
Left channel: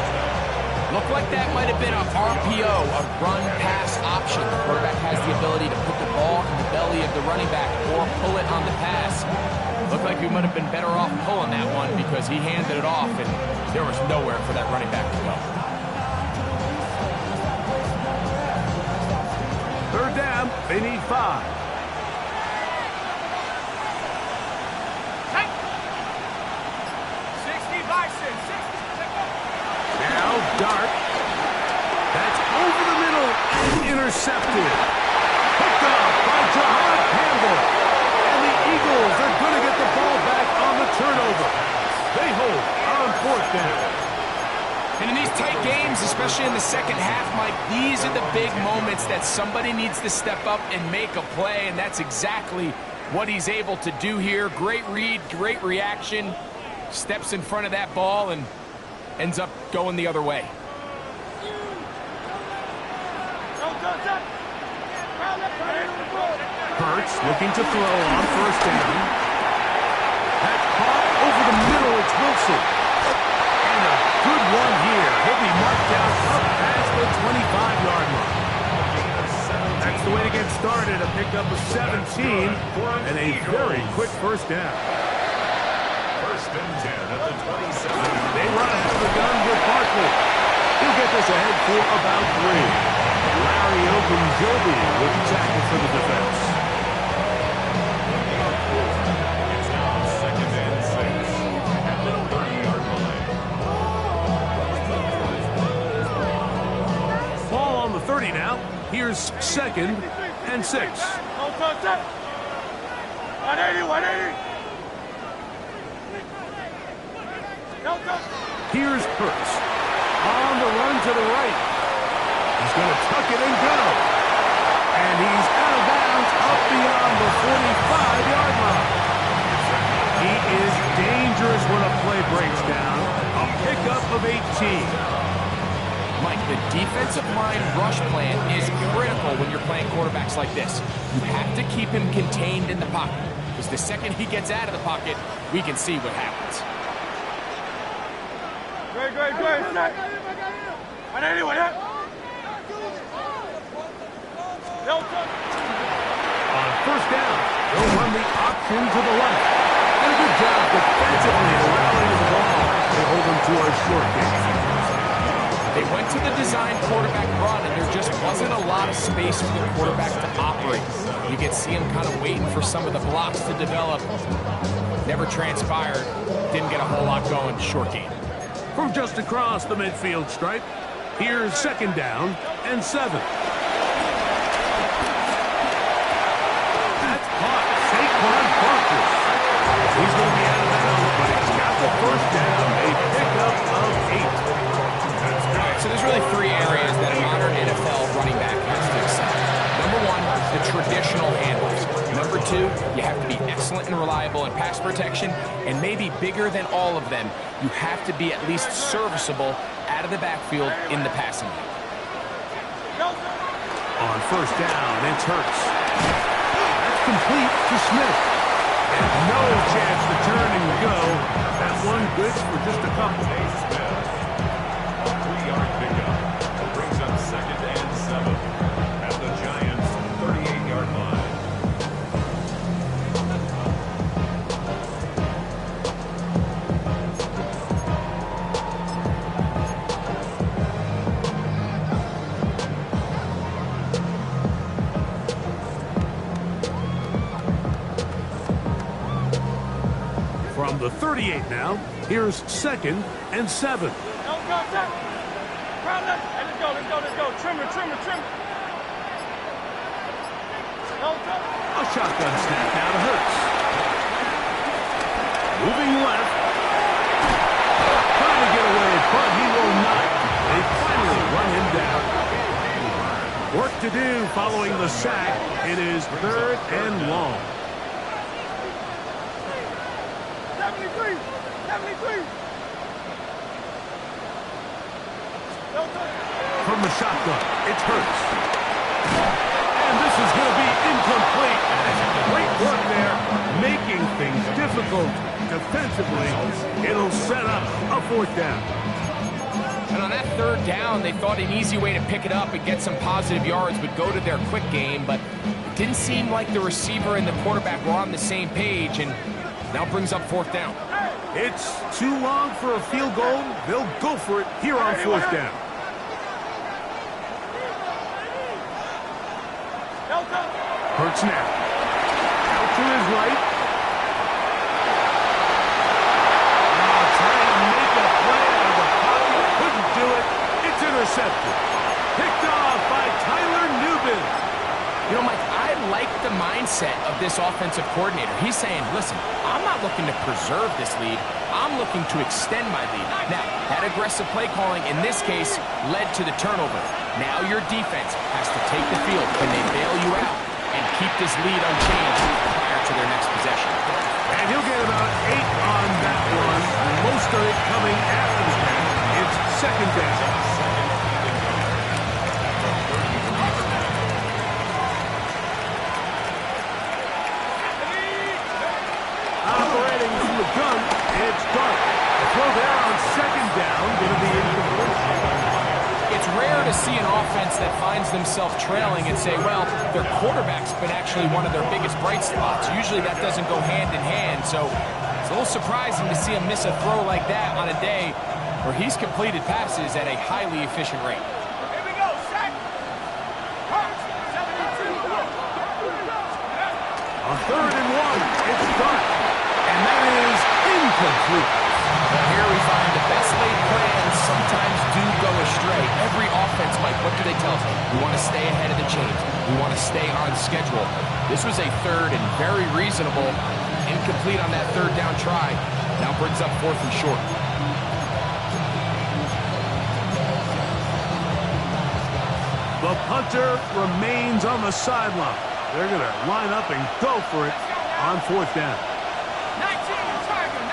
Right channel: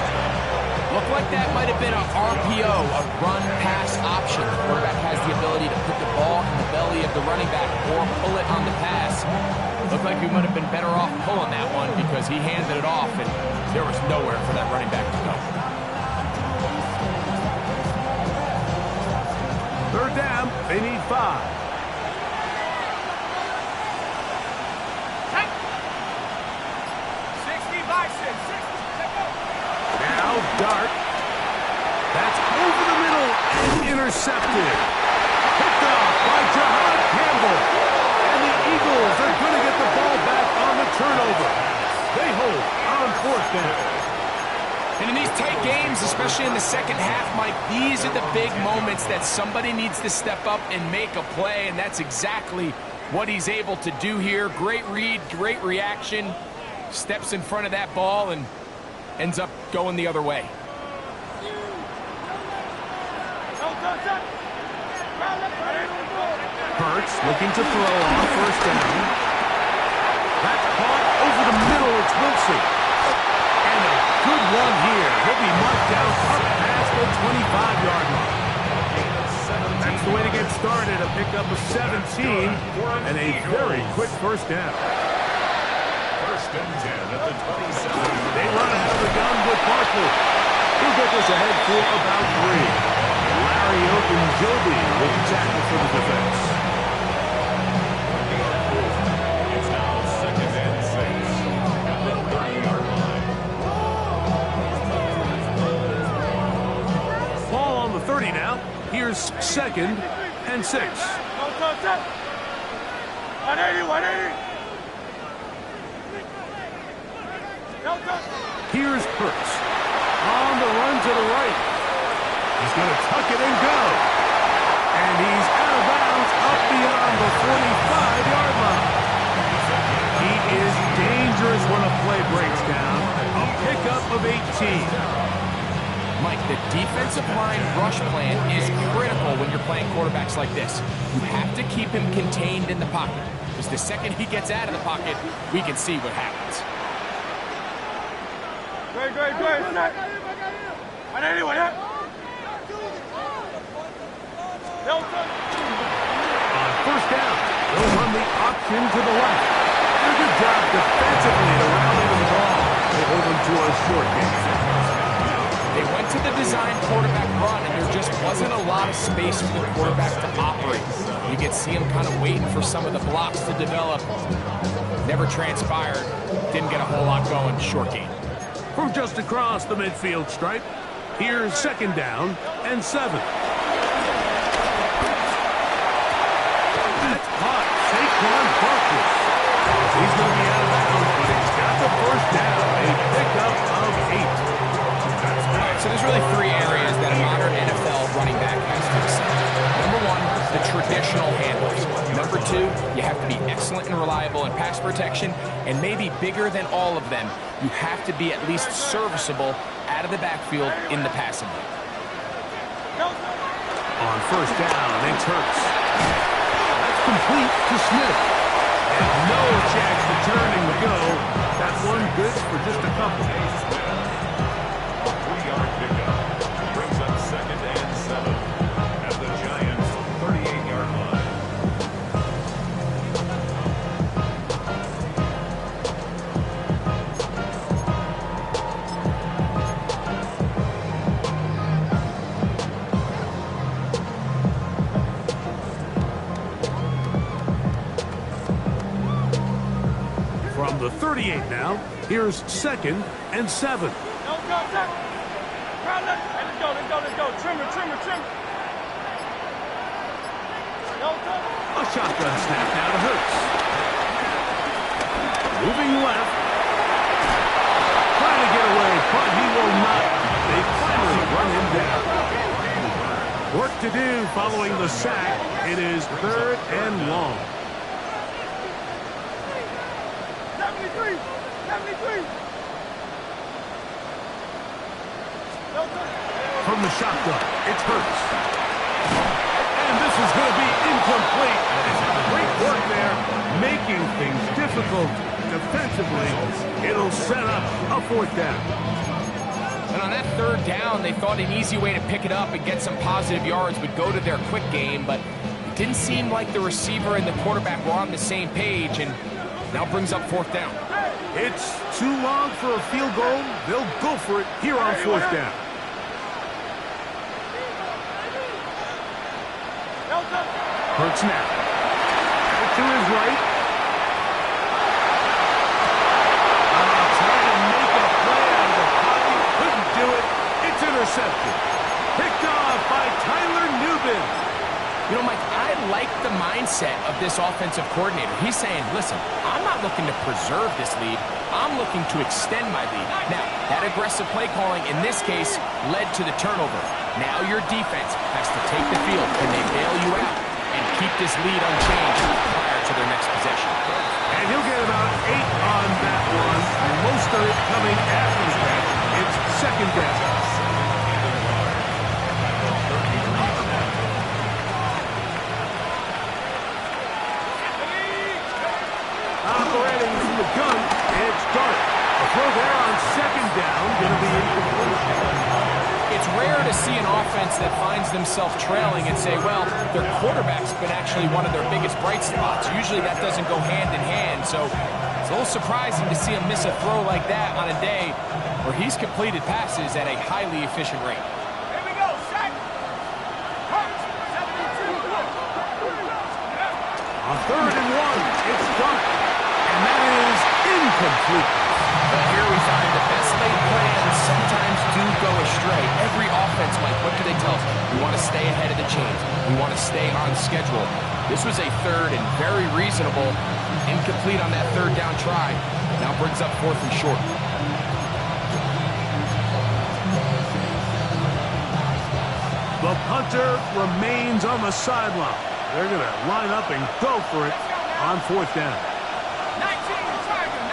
Looked like that might have been a RPO, a run-pass option. The quarterback has the ability to put the ball in the belly of the running back or pull it on the pass. Looked like we might have been better off pulling that one because he handed it off, and there was nowhere for that running back to go. 3rd down, they need 5. Now Dart. That's over the middle and intercepted. Picked off by Jahan Campbell. And the Eagles are going to get the ball back on the turnover. They hold on 4th down. And in these tight games, especially in the second half, Mike, these are the big moments that somebody needs to step up and make a play, and that's exactly what he's able to do here. Great read, great reaction. Steps in front of that ball and ends up going the other way. Hurts looking to throw on first down. That's caught over the middle. It's Wilson. And a good one here. He'll be marked down up past the 25-yard line. That's the way to get started. A pickup of 17 and a very quick first down. 1st and 10 at the 27. They run out of the gun with Barkley. He'll get this ahead for about 3. Larry Ogunjobi with the tackle for the defense. It's now 2nd and 6 at the 30-yard line. Ball on the 30 now. Here's 2nd and 6. 180, 180. Here's Hurts. On the run to the right. He's going to tuck it and go. And he's out of bounds up beyond the 45-yard line. He is dangerous when a play breaks down. A pickup of 18. Mike, the defensive line rush plan is critical when you're playing quarterbacks like this. You have to keep him contained in the pocket, because the second he gets out of the pocket, we can see what happens. Great. On first down, they'll run the option to the left. Did a good job defensively to rally to the ball. They hold them to a short game. They went to the design quarterback run, and there just wasn't a lot of space for the quarterback to operate. You could see him kind of waiting for some of the blocks to develop. Never transpired. Didn't get a whole lot going. Short game. From just across the midfield stripe, here's second down and 7. That's caught. Saquon Barkley. He's going to be out of bounds, but he's got the first down. A pickup of 8. All right, so there's really 3 areas that a modern NFL running back has to excel. Number 1, the traditional handles. Number 2, you have to be excellent and reliable in pass protection, and maybe bigger than all of them, you have to be at least serviceable out of the backfield in the passing game. On first down, it's Hurts. That's complete to Smith. And no chance to turn and go. That one good for just a couple. A 3-yard pickup brings up second and 7 at the Giants' 38-yard line. From the 38 now, here's second and 7. Let's go. Trimmer. A shotgun snap now to Hurts. Moving left. Trying to get away, but he will not. They finally run him down. Work to do following the sack. It is 3rd and long. 73. From the shotgun, it's Hurts. And this is going to be incomplete. Great work there, making things difficult defensively. It'll set up a 4th down. And on that 3rd down, they thought an easy way to pick it up and get some positive yards would go to their quick game, but it didn't seem like the receiver and the quarterback were on the same page, and now brings up 4th down. It's too long for a field goal. They'll go for it here on 4th down. Hurts now. Out to his right. Trying to make a play out of the pocket. Couldn't do it. It's intercepted. Picked off by Tyler Nubin. You know, Mike, I like the mindset of this offensive coordinator. He's saying, listen, I'm not looking to preserve this lead. I'm looking to extend my lead. Now, that aggressive play calling in this case led to the turnover. Now your defense has to take the field. Can they bail you out and keep this lead unchanged prior to their next possession? And he'll get about 8 on that one. Most of it coming after the catch. It's second down. Operating from the gun, it's Dart. The throw there on second down, going to be incomplete. It's rare to see an offense that finds themselves trailing and say, well, their quarterback's been actually one of their biggest bright spots. Usually that doesn't go hand in hand, so it's a little surprising to see him miss a throw like that on a day where he's completed passes at a highly efficient rate. Here we go, sack. 72. On 3rd and 1, it's Dart. And that is incomplete. But here we find the best laid plans sometimes do go astray. Every offense, Mike, what do they tell us? We want to stay ahead of the chains. We want to stay on schedule. This was a 3rd and very reasonable. Incomplete on that 3rd down try. Now brings up 4th and short. The punter remains on the sideline. They're going to line up and go for it on 4th down. 19, Tiger.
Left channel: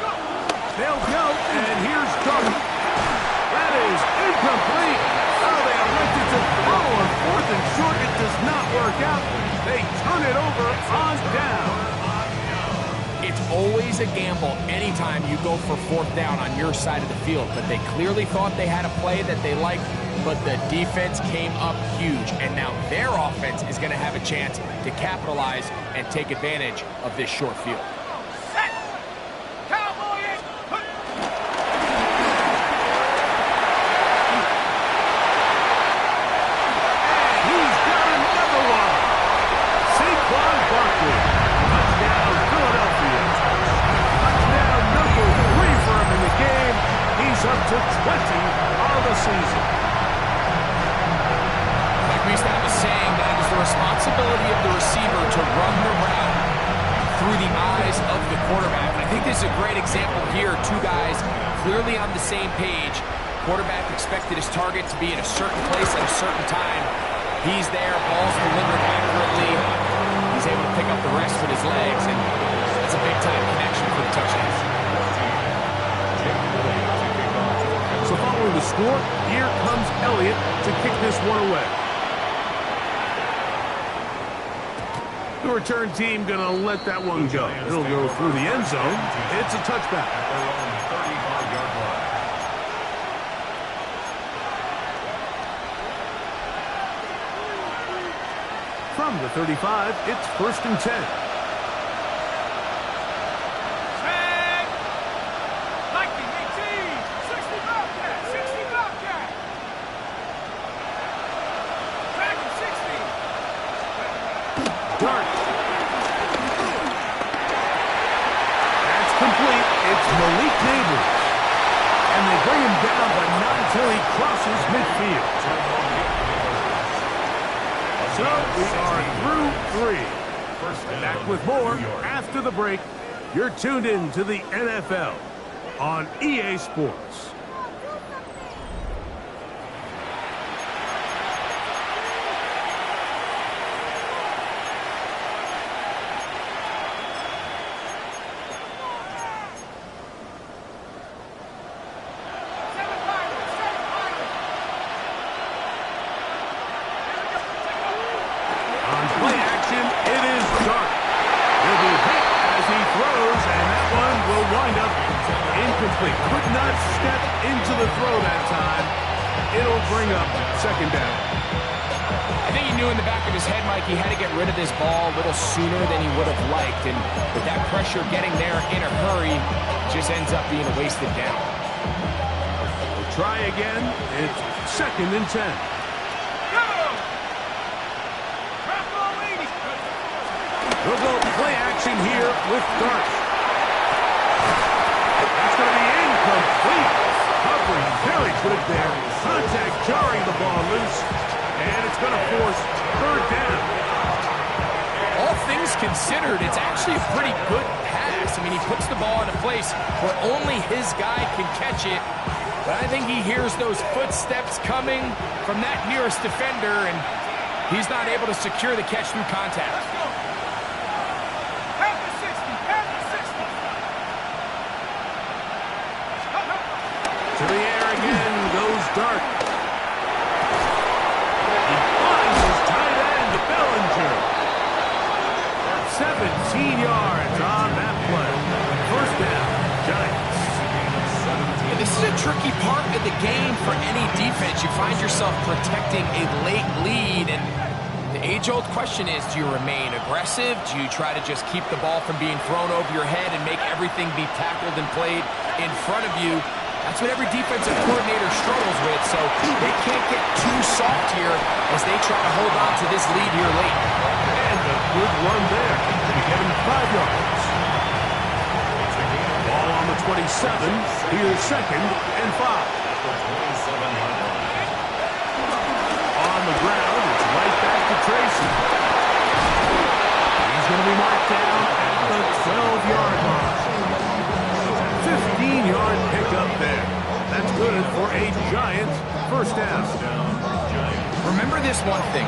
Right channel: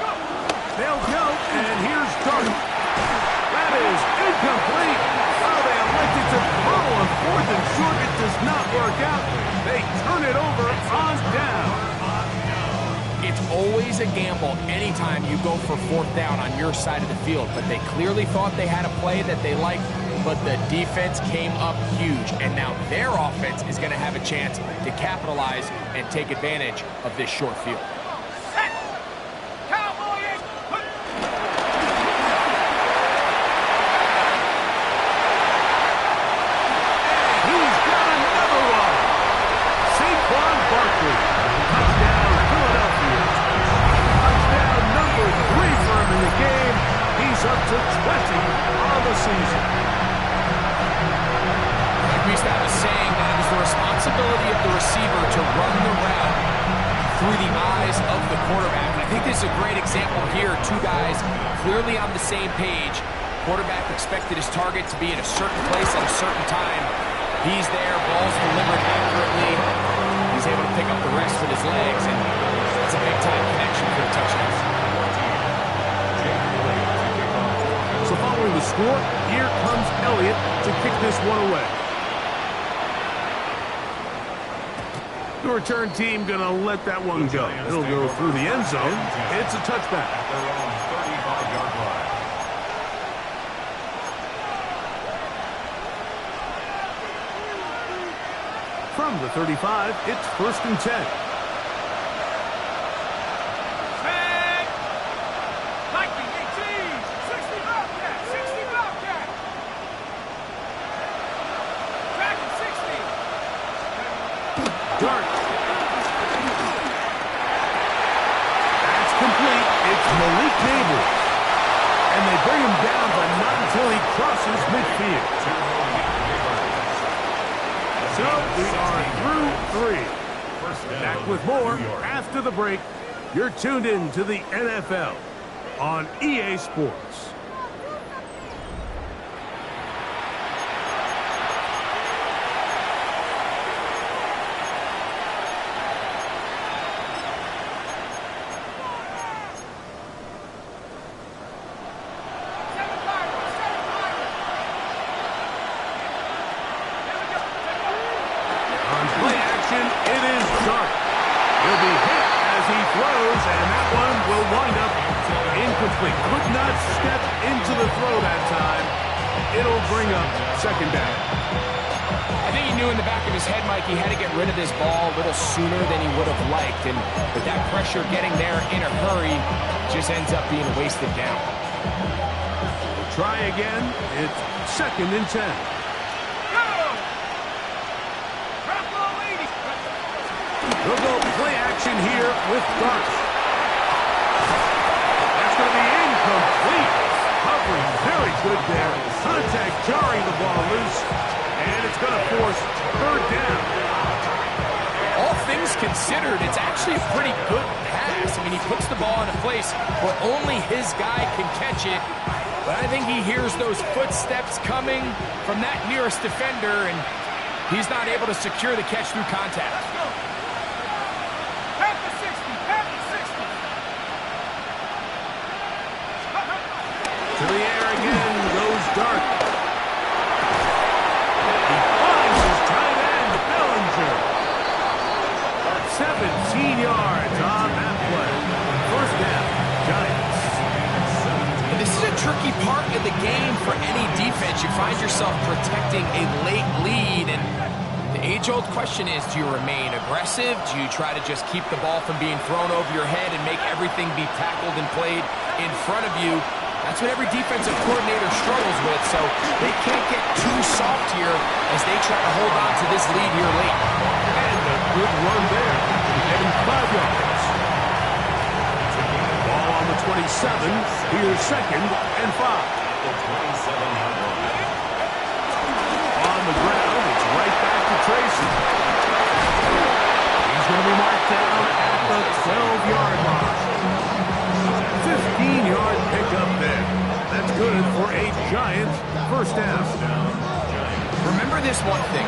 Go. They'll go, and here's Dart. That is incomplete. Oh, they elected to throw on 4th and short. It does not work out. They turn it over on down. It's always a gamble anytime you go for 4th down on your side of the field, but they clearly thought they had a play that they liked, but the defense came up huge, and now their offense is going to have a chance to capitalize and take advantage of this short field. Touchdown, Philadelphia. Touchdown number 3 for him in the game. He's up to 20 on the season. Like we used to have a saying that it was the responsibility of the receiver to run the route through the eyes of the quarterback. And I think this is a great example here. Two guys clearly on the same page. Quarterback expected his target to be in a certain place at a certain time. He's there, ball's delivered accurately. He's able to pick up the rest with his legs, and that's a big-time connection for the touchdown. So following the score, here comes Elliott to kick this one away. The return team going to let that one go. It'll go through the end zone. It's a touchback. At their own 35-yard line. From the 35, it's 1st and 10. Tag! Lightning 18! 60 Bobcat! 60 Bobcat! Dragon 60! Dart. That's complete. It's Malik Neighbors. And they bring him down, but not until he crosses midfield. So we are through 3. Back with more after the break. You're tuned in to the NFL on EA Sports. It is Dart. He'll be hit as he throws, and that one will wind up incomplete. Could not step into the throw that time. It'll bring up 2nd down. I think he knew in the back of his head, Mike, he had to get rid of this ball a little sooner than he would have liked, and with that pressure getting there in a hurry, just ends up being a wasted down. We'll try again. It's 2nd and 10. We'll go play action here with Dart. That's going to be incomplete. Covering very good there. Contact jarring the ball loose. And it's going to force 3rd down. All things considered, it's actually a pretty good pass. I mean, he puts the ball in a place where only his guy can catch it. But I think he hears those footsteps coming from that nearest defender, and he's not able to secure the catch through contact. Let's go. To the air again goes Dart. He finds his tight end, Bellinger. 17 yards on that play. 1st down, Giants. And this is a tricky part of the game for any defense. You find yourself protecting a late lead, and the age-old question is, do you remain aggressive? Do you try to just keep the ball from being thrown over your head and make everything be tackled and played in front of you? That's what every defensive coordinator struggles with, so they can't get too soft here as they try to hold on to this lead here late. And a good run there. We get him 5 yards. Ball on the 27. Here's 2nd and 5. On the ground, it's right back to Tracy. He's going to be marked down at the 12-yard line. 15-yard pickup there. That's good for a Giant 1st down. Remember this one thing.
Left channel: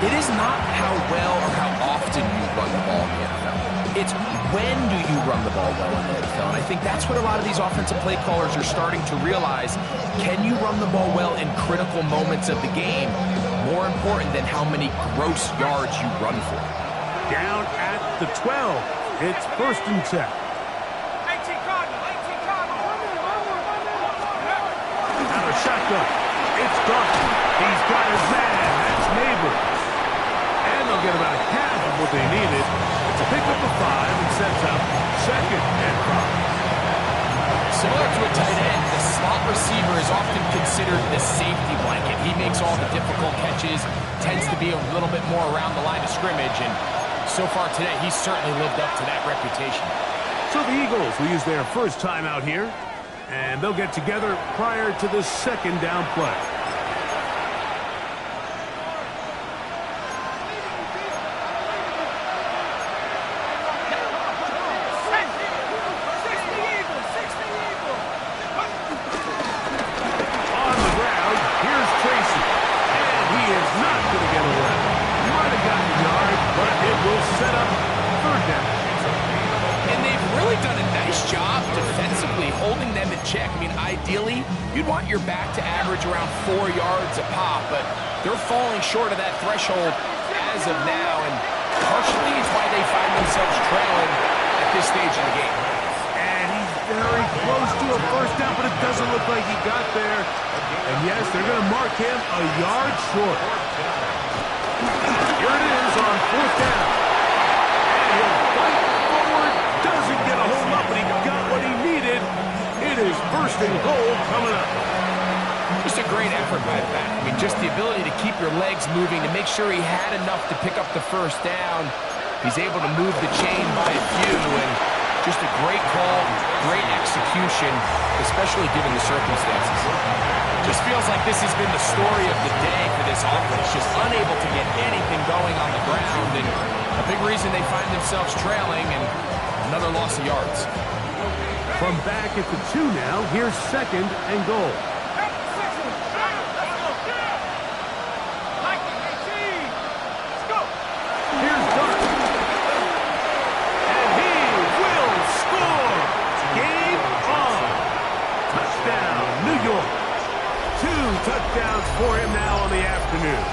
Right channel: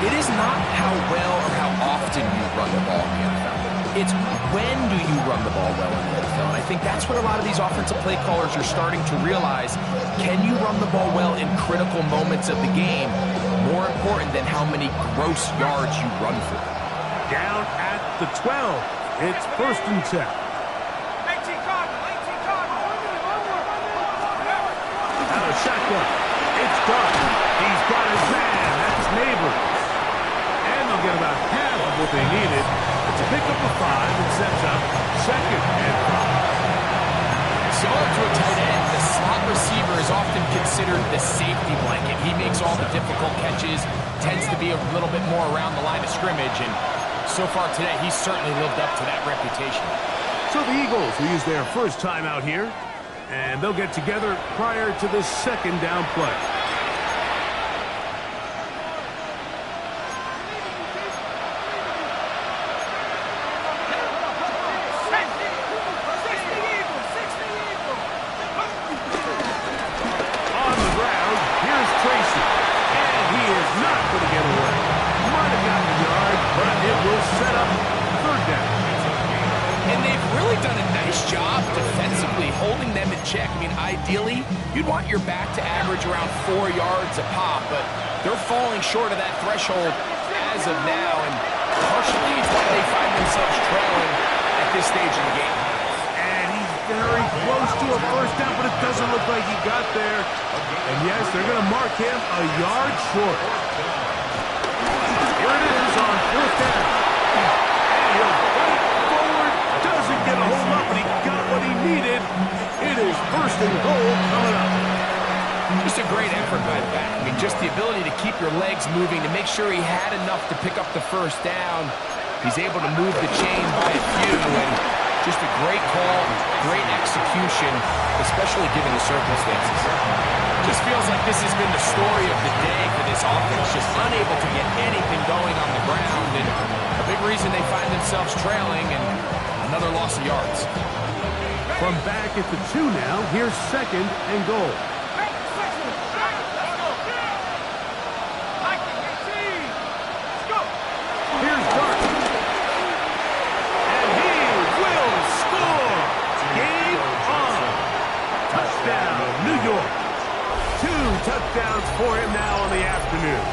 It is not how well or how often you run the ball in the NFL. It's when do you run the ball well in the NFL? And I think that's what a lot of these offensive play callers are starting to realize. Can you run the ball well in critical moments of the game? More important than how many gross yards you run for. Down at the 12. It's 1st and 10. 18 Cardinal, 18 Cardinal. Out of shotgun. It's Dart. He's got his man. That's Neighbors. And they'll get about half of what they needed. It's a pickup of 5 and sets up 2nd and 5. Similar to a tight end, the slot receiver is often considered the safety blanket. He makes all the difficult catches, tends to be a little bit more around the line of scrimmage, and so far today, he's certainly lived up to that reputation. So the Eagles will use their first time out here, and they'll get together prior to the 2nd down play. On the ground, here's Tracy, and he is not going to get away. Might have gotten a yard, but it will set up 3rd down. And they've really done a nice job defensively holding them in check. I mean, ideally, you'd want your back to average around 4 yards a pop, but they're falling short of that threshold as of now, and partially it's why they find themselves trailing at this stage of the game. And he's very close to a 1st down, but it doesn't look like he got there. And yes, they're going to mark him a yard short. Here it is on 4th down. And he'll fight forward. Doesn't get a hold up, but he got what he needed. It is 1st and goal coming up. Just a great effort by the back. I mean, just the ability to keep your legs moving, to make sure he had enough to pick up the 1st down. He's able to move the chain by a few, and just a great call, great execution, especially given the circumstances. Just feels like this has been the story of the day for this offense, just unable to get anything going on the ground, and a big reason they find themselves trailing, and another loss of yards. From back at the 2 now, here's 2nd and goal. Here's Dart. And he will score. Game on. Touchdown, New York. 2 touchdowns for him now on the afternoon.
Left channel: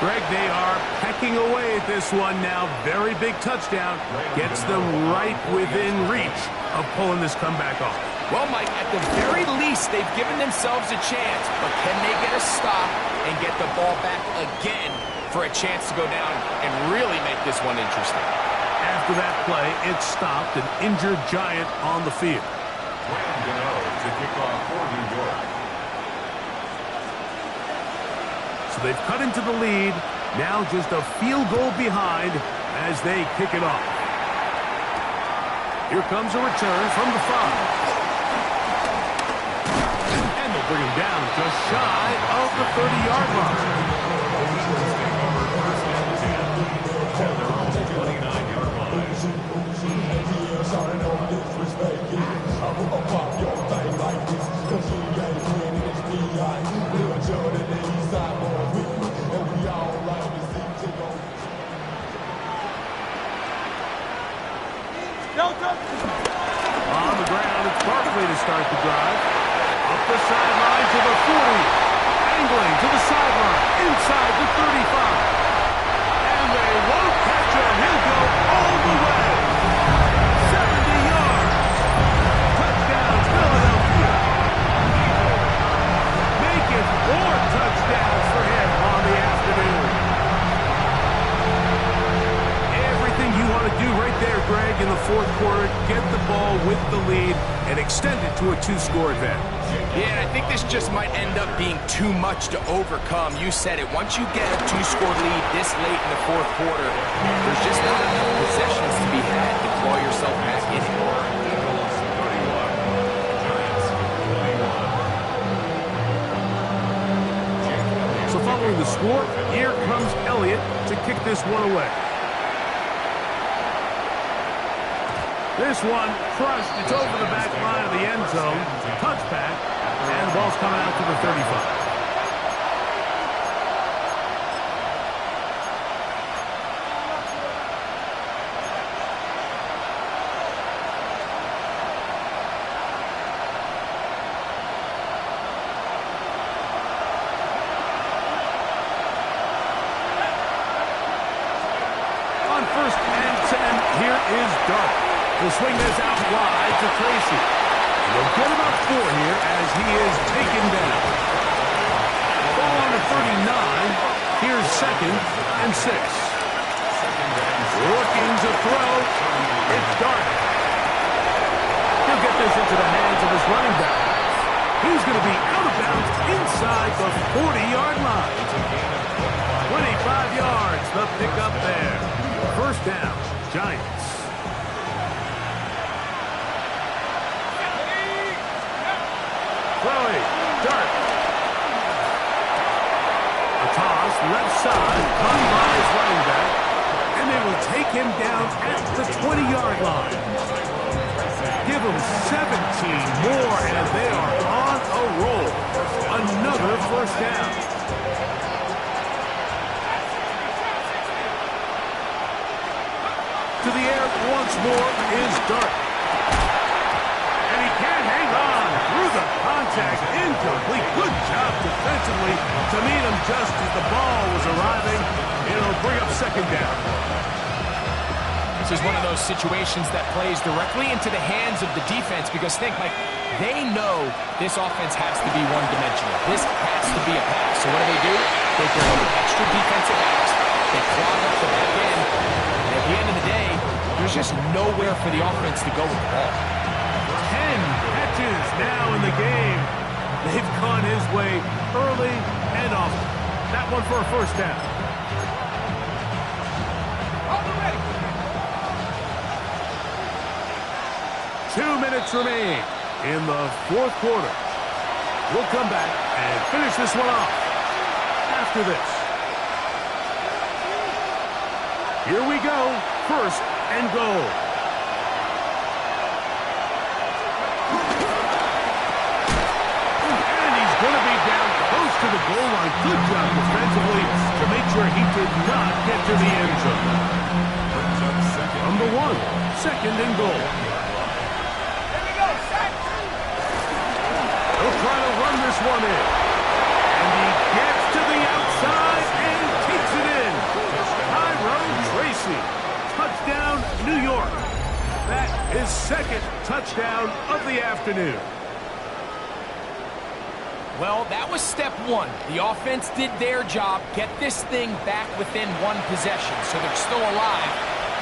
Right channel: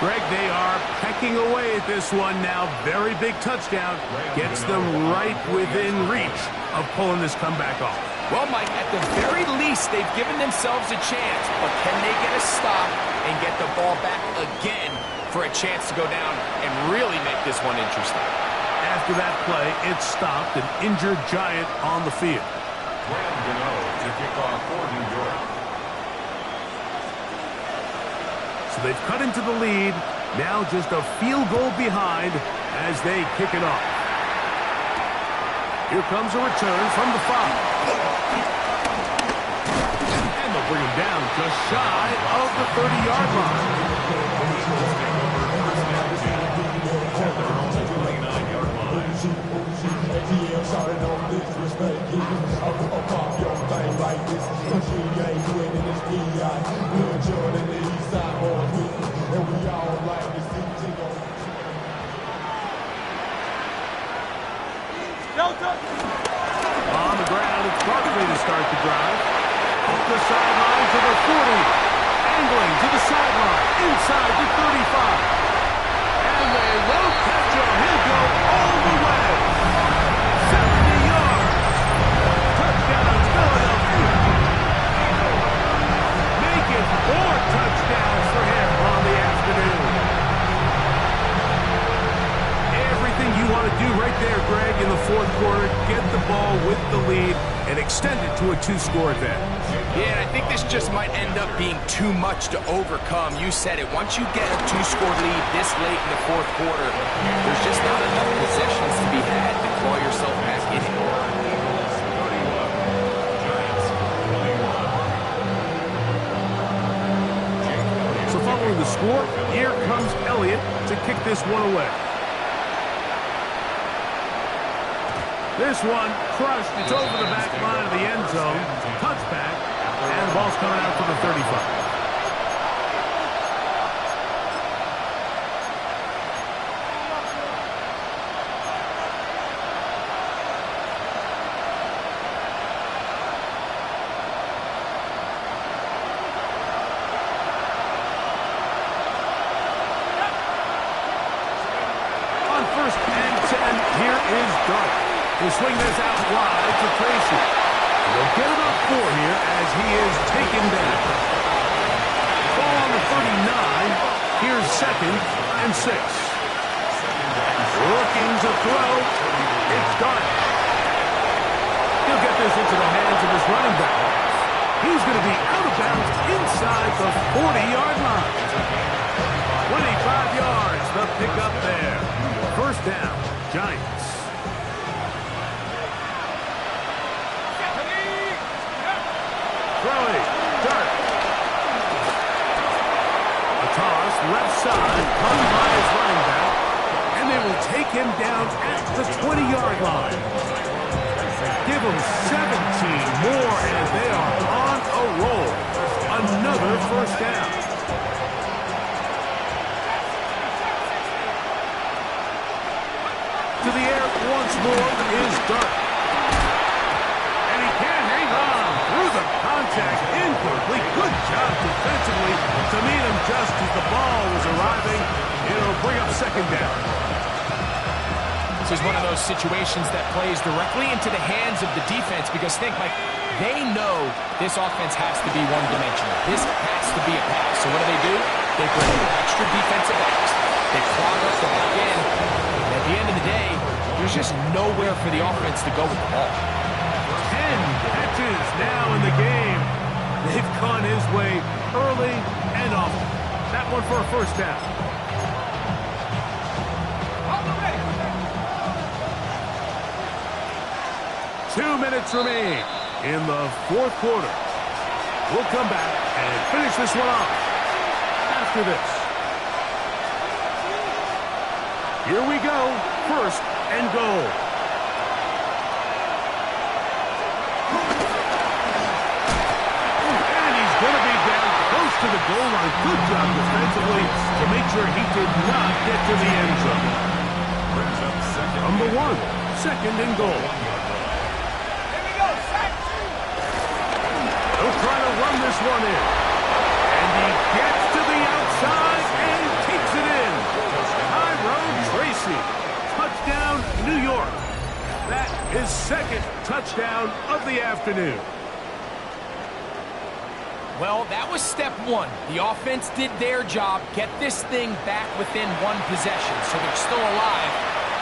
Greg, they are pecking away at this one now. Very big touchdown. Gets them right within reach of pulling this comeback off. Well, Mike, at the very least, they've given themselves a chance, but can they get a stop and get the ball back again for a chance to go down and really make this one interesting? After that play, it stopped an injured Giant on the field. To kick off for New York. So they've cut into the lead. Now just a field goal behind as they kick it off. Here comes a return from the 5. And they'll bring him down just shy of the 30-yard line. The Eagles take over 1st and 10 at their own 29-yard line. On the ground, it's Barkley to start the drive. Up the sideline to the 40. Angling to the sideline. Inside the 35. And they won't catch him. He'll go all the way. 70 yards. Touchdown, Philadelphia. Make it 4 touchdowns for him on the afternoon. Everything you want to do right there, Greg, in the 4th quarter. Get the ball with the lead and extend it to a 2-score advantage. Yeah, and I think this just might end up being too much to overcome. You said it. Once you get a 2-score lead this late in the 4th quarter, there's just not enough possessions to be had to claw yourself back in it. Eagles 31, Giants 21. So following the score, here comes Elliott to kick this one away. This one crushed. It's over the back line of the end zone. Touchback. And the ball's coming out to the 35. first and 10. Here is Dart. He'll swing this out wide to Tracy. And they'll get about 4 here as he is taken down. Ball on the 39. Here's second and 6. Looking to throw. It's Dart. He'll get this into the hands of his running back. He's going to be out of bounds inside the 40-yard line. 25 yards, the pickup there. First down, Giants. Throwing, Dart. A toss, left side, caught by his running back. And they will take him down at the 20-yard line. Give them 17 more, and they are on a roll. Another first down. To the air once more is Dart. And he can't hang on through the contact. Incomplete. Good job defensively to meet him just as the ball was arriving. It'll bring up second down. This is one of those situations that plays directly into the hands of the defense because think, Mike, they know this offense has to be one-dimensional. This has to be a pass. So what do? They bring in extra defensive backs. They clog up the back end. And at the end of the day, there's just nowhere for the offense to go with the ball. 10 catches now in the game. They've gone his way early and often. That one for a first down. 2 minutes remain in the fourth quarter. We'll come back and finish this one off after this. Here we go. First and goal. And he's going to be down close to the goal line. Good job defensively to make sure he did not get to the end zone. From the 1, second and goal. He'll try to run this one in. And he gets to the outside and takes it in. Tyrone Tracy. Touchdown, New York. That is second touchdown of the afternoon. Well, that was step 1. The offense did their job, get this thing back within 1 possession, so they're still alive.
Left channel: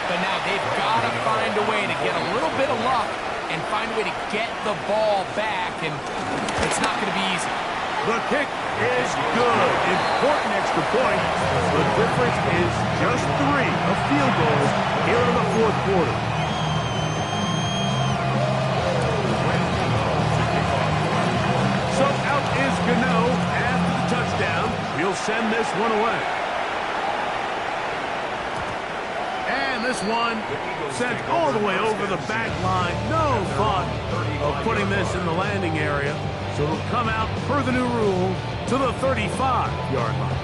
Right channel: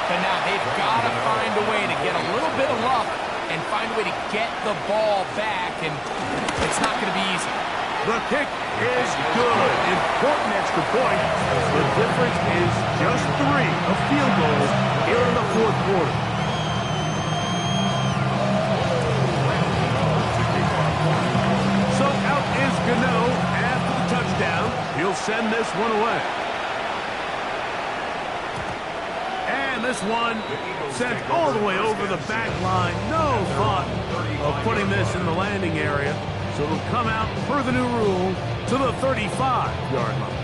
But now they've got to find a way to get a little bit of luck and find a way to get the ball back, and it's not going to be easy. The kick is good. Important extra point. The difference is just 3 of field goals here in the fourth quarter. So out is Gano after the touchdown. He'll send this one away. And this one sent all the way over the back line. No thought of putting this in the landing area. So it'll come out per the new rule to the 35-yard line.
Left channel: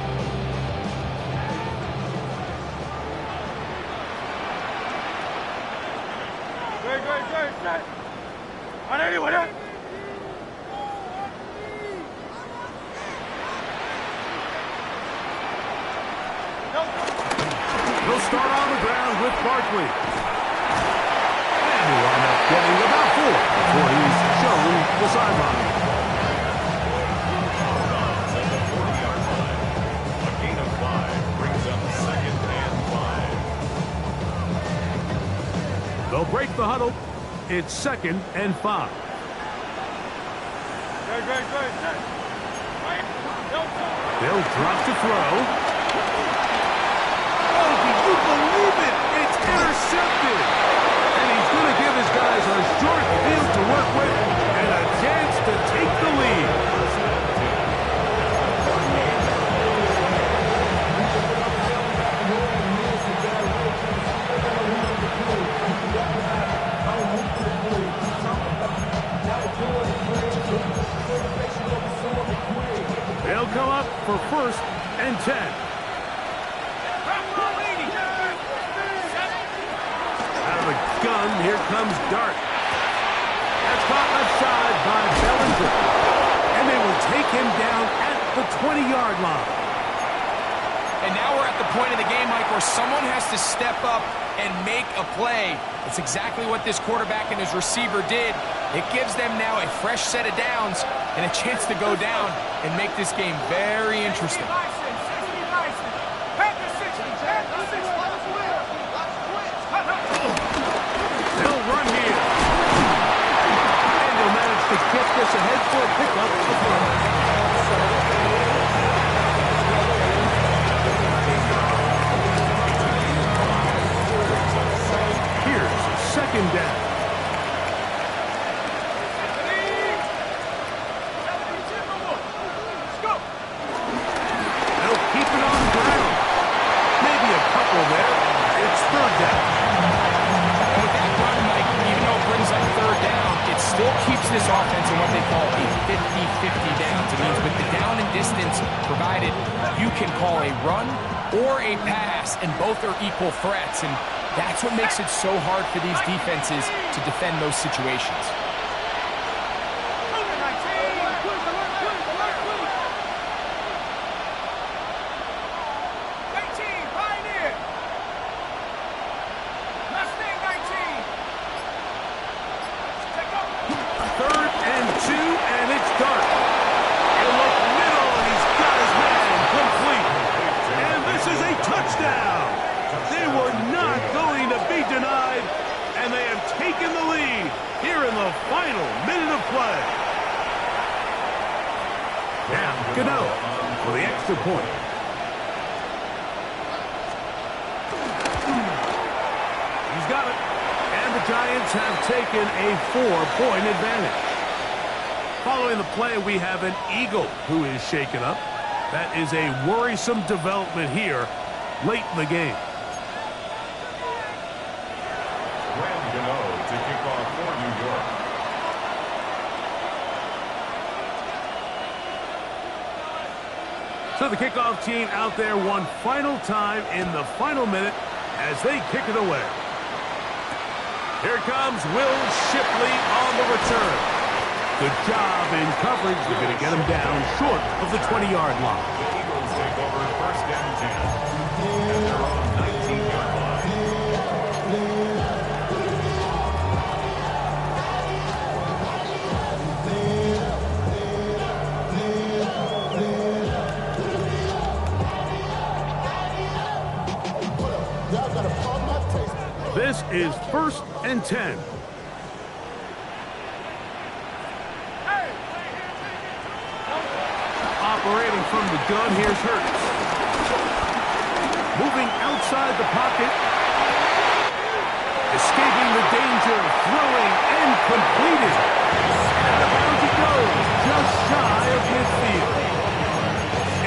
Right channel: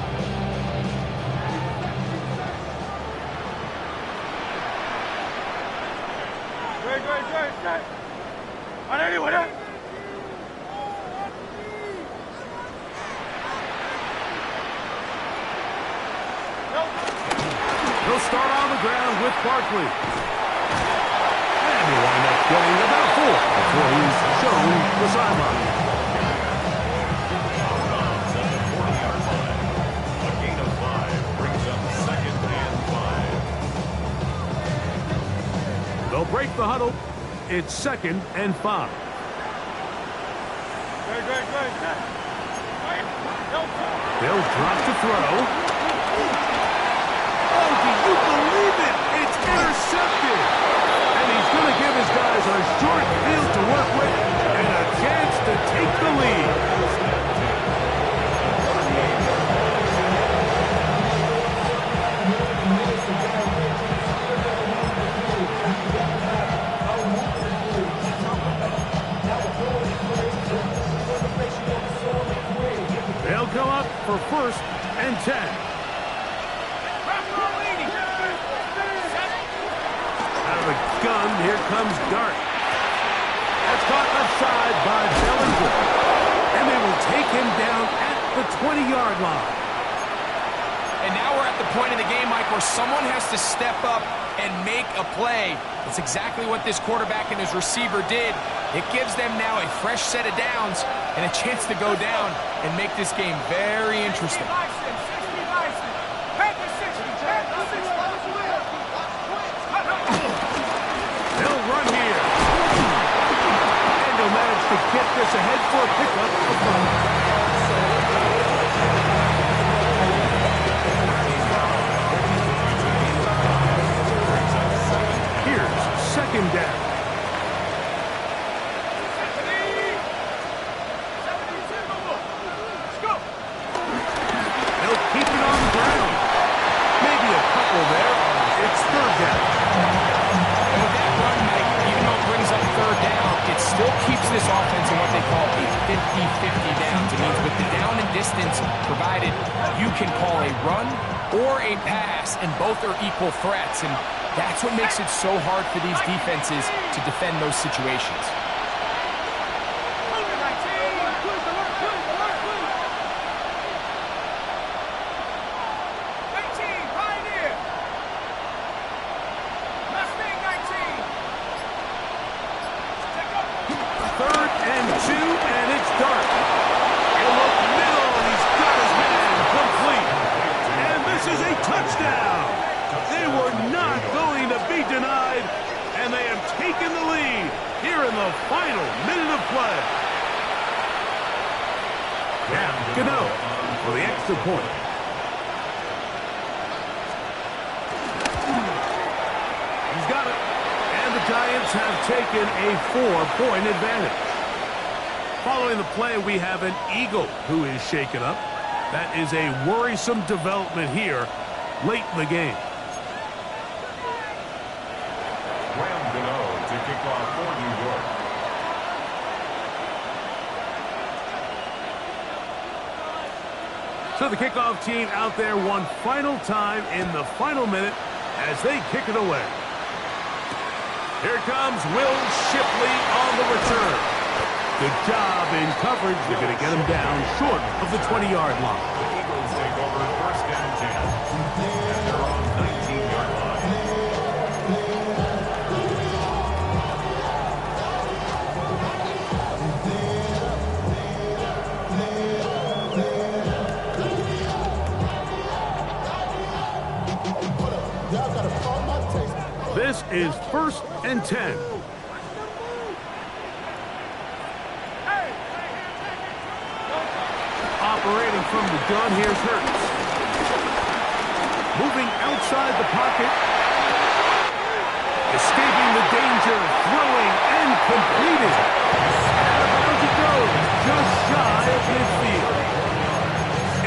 Good. On anyone, eh? He'll start on the ground with Barkley. And he'll wind up getting about 4 before he's shown the sideline. At the 40-yard line, a gain of 5 brings up second and 5. They'll break the huddle. It's second and 5. Good. They'll drop to throw. Oh, do you believe it? It's intercepted. And he's going to give his guys a short field to work with and a chance to take the lead. They'll come up for first and 10. Out of the gun, here comes Dart. That's caught left side by Bellinger. And they will take him down at the 20-yard line. And now we're at the point in the game, Mike, where someone has to step up and make a play. That's exactly what this quarterback and his receiver did. It gives them now a fresh set of downs and a chance to go down and make this game very interesting. They'll run here. And they'll manage to get this ahead for a pickup of 5. Here's second down. They'll keep it on the ground. Maybe a couple there. It's third down. And with that run, Mike, even though it brings up third down, it still keeps this offense in what they call a 50-50 downs. It means with the down and distance provided, you can call a run or a pass, and both are equal threats. And that's what makes it so hard for these defenses to defend those situations. Third and 2, and it's Dart. He'll look middle, and he's got his man complete. And this is a touchdown. They were not going to be denied, and they have taken the lead here in the final minute of play. Now, Gano for the extra point. He's got it. And the Giants have taken a 4-point advantage. Following the play, we have an Eagle who is shaken up. That is a worrisome development here late in the game. Graham Gano to kick off for New York. So the kickoff team out there one final time in the final minute as they kick it away. Here comes Will Shipley on the return. Good job in coverage. They're going to get him down short of the 20-yard line. The Eagles take over first and 10. And they're on 19-yard line. Y'all got to pump my taste. This is first and 10. Operating from the gun, here's Hurts. Moving outside the pocket. Escaping the danger, throwing and completed. And out of bounds he goes, just shy of midfield.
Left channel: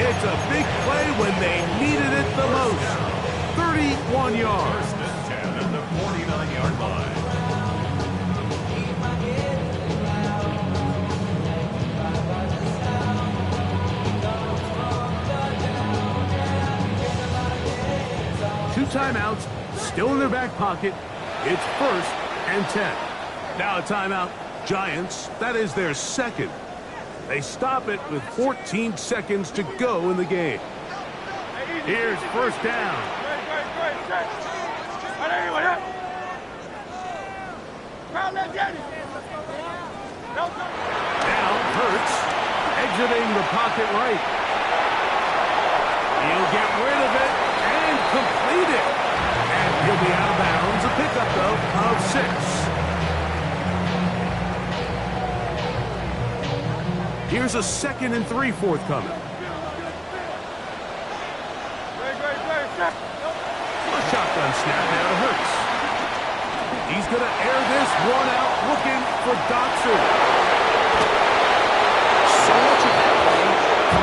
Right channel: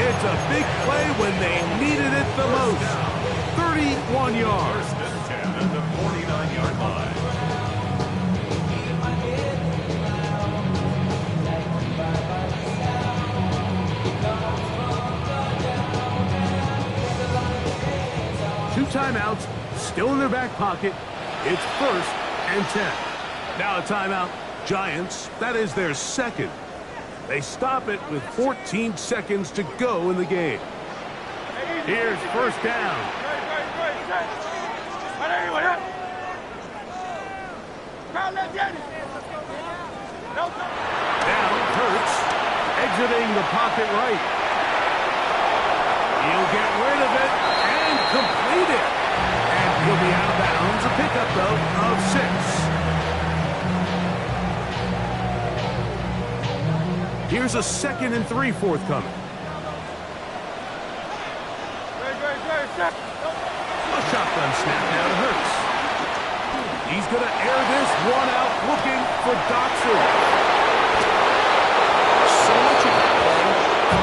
It's a big play when they needed it the most. 31 yards. First and 10 at the 49-yard line. Two timeouts, still in their back pocket. It's first and 10. Now a timeout. Giants, that is their second. They stop it with 14 seconds to go in the game. Here's first down. Now Hurts exiting the pocket right. He'll get rid of it and complete it. And he'll be out of bounds. A pickup, though, of 6. Here's a 2nd and 3 forthcoming. A shotgun snap now to Hurts. He's going to air this one out, looking for Dotson. So much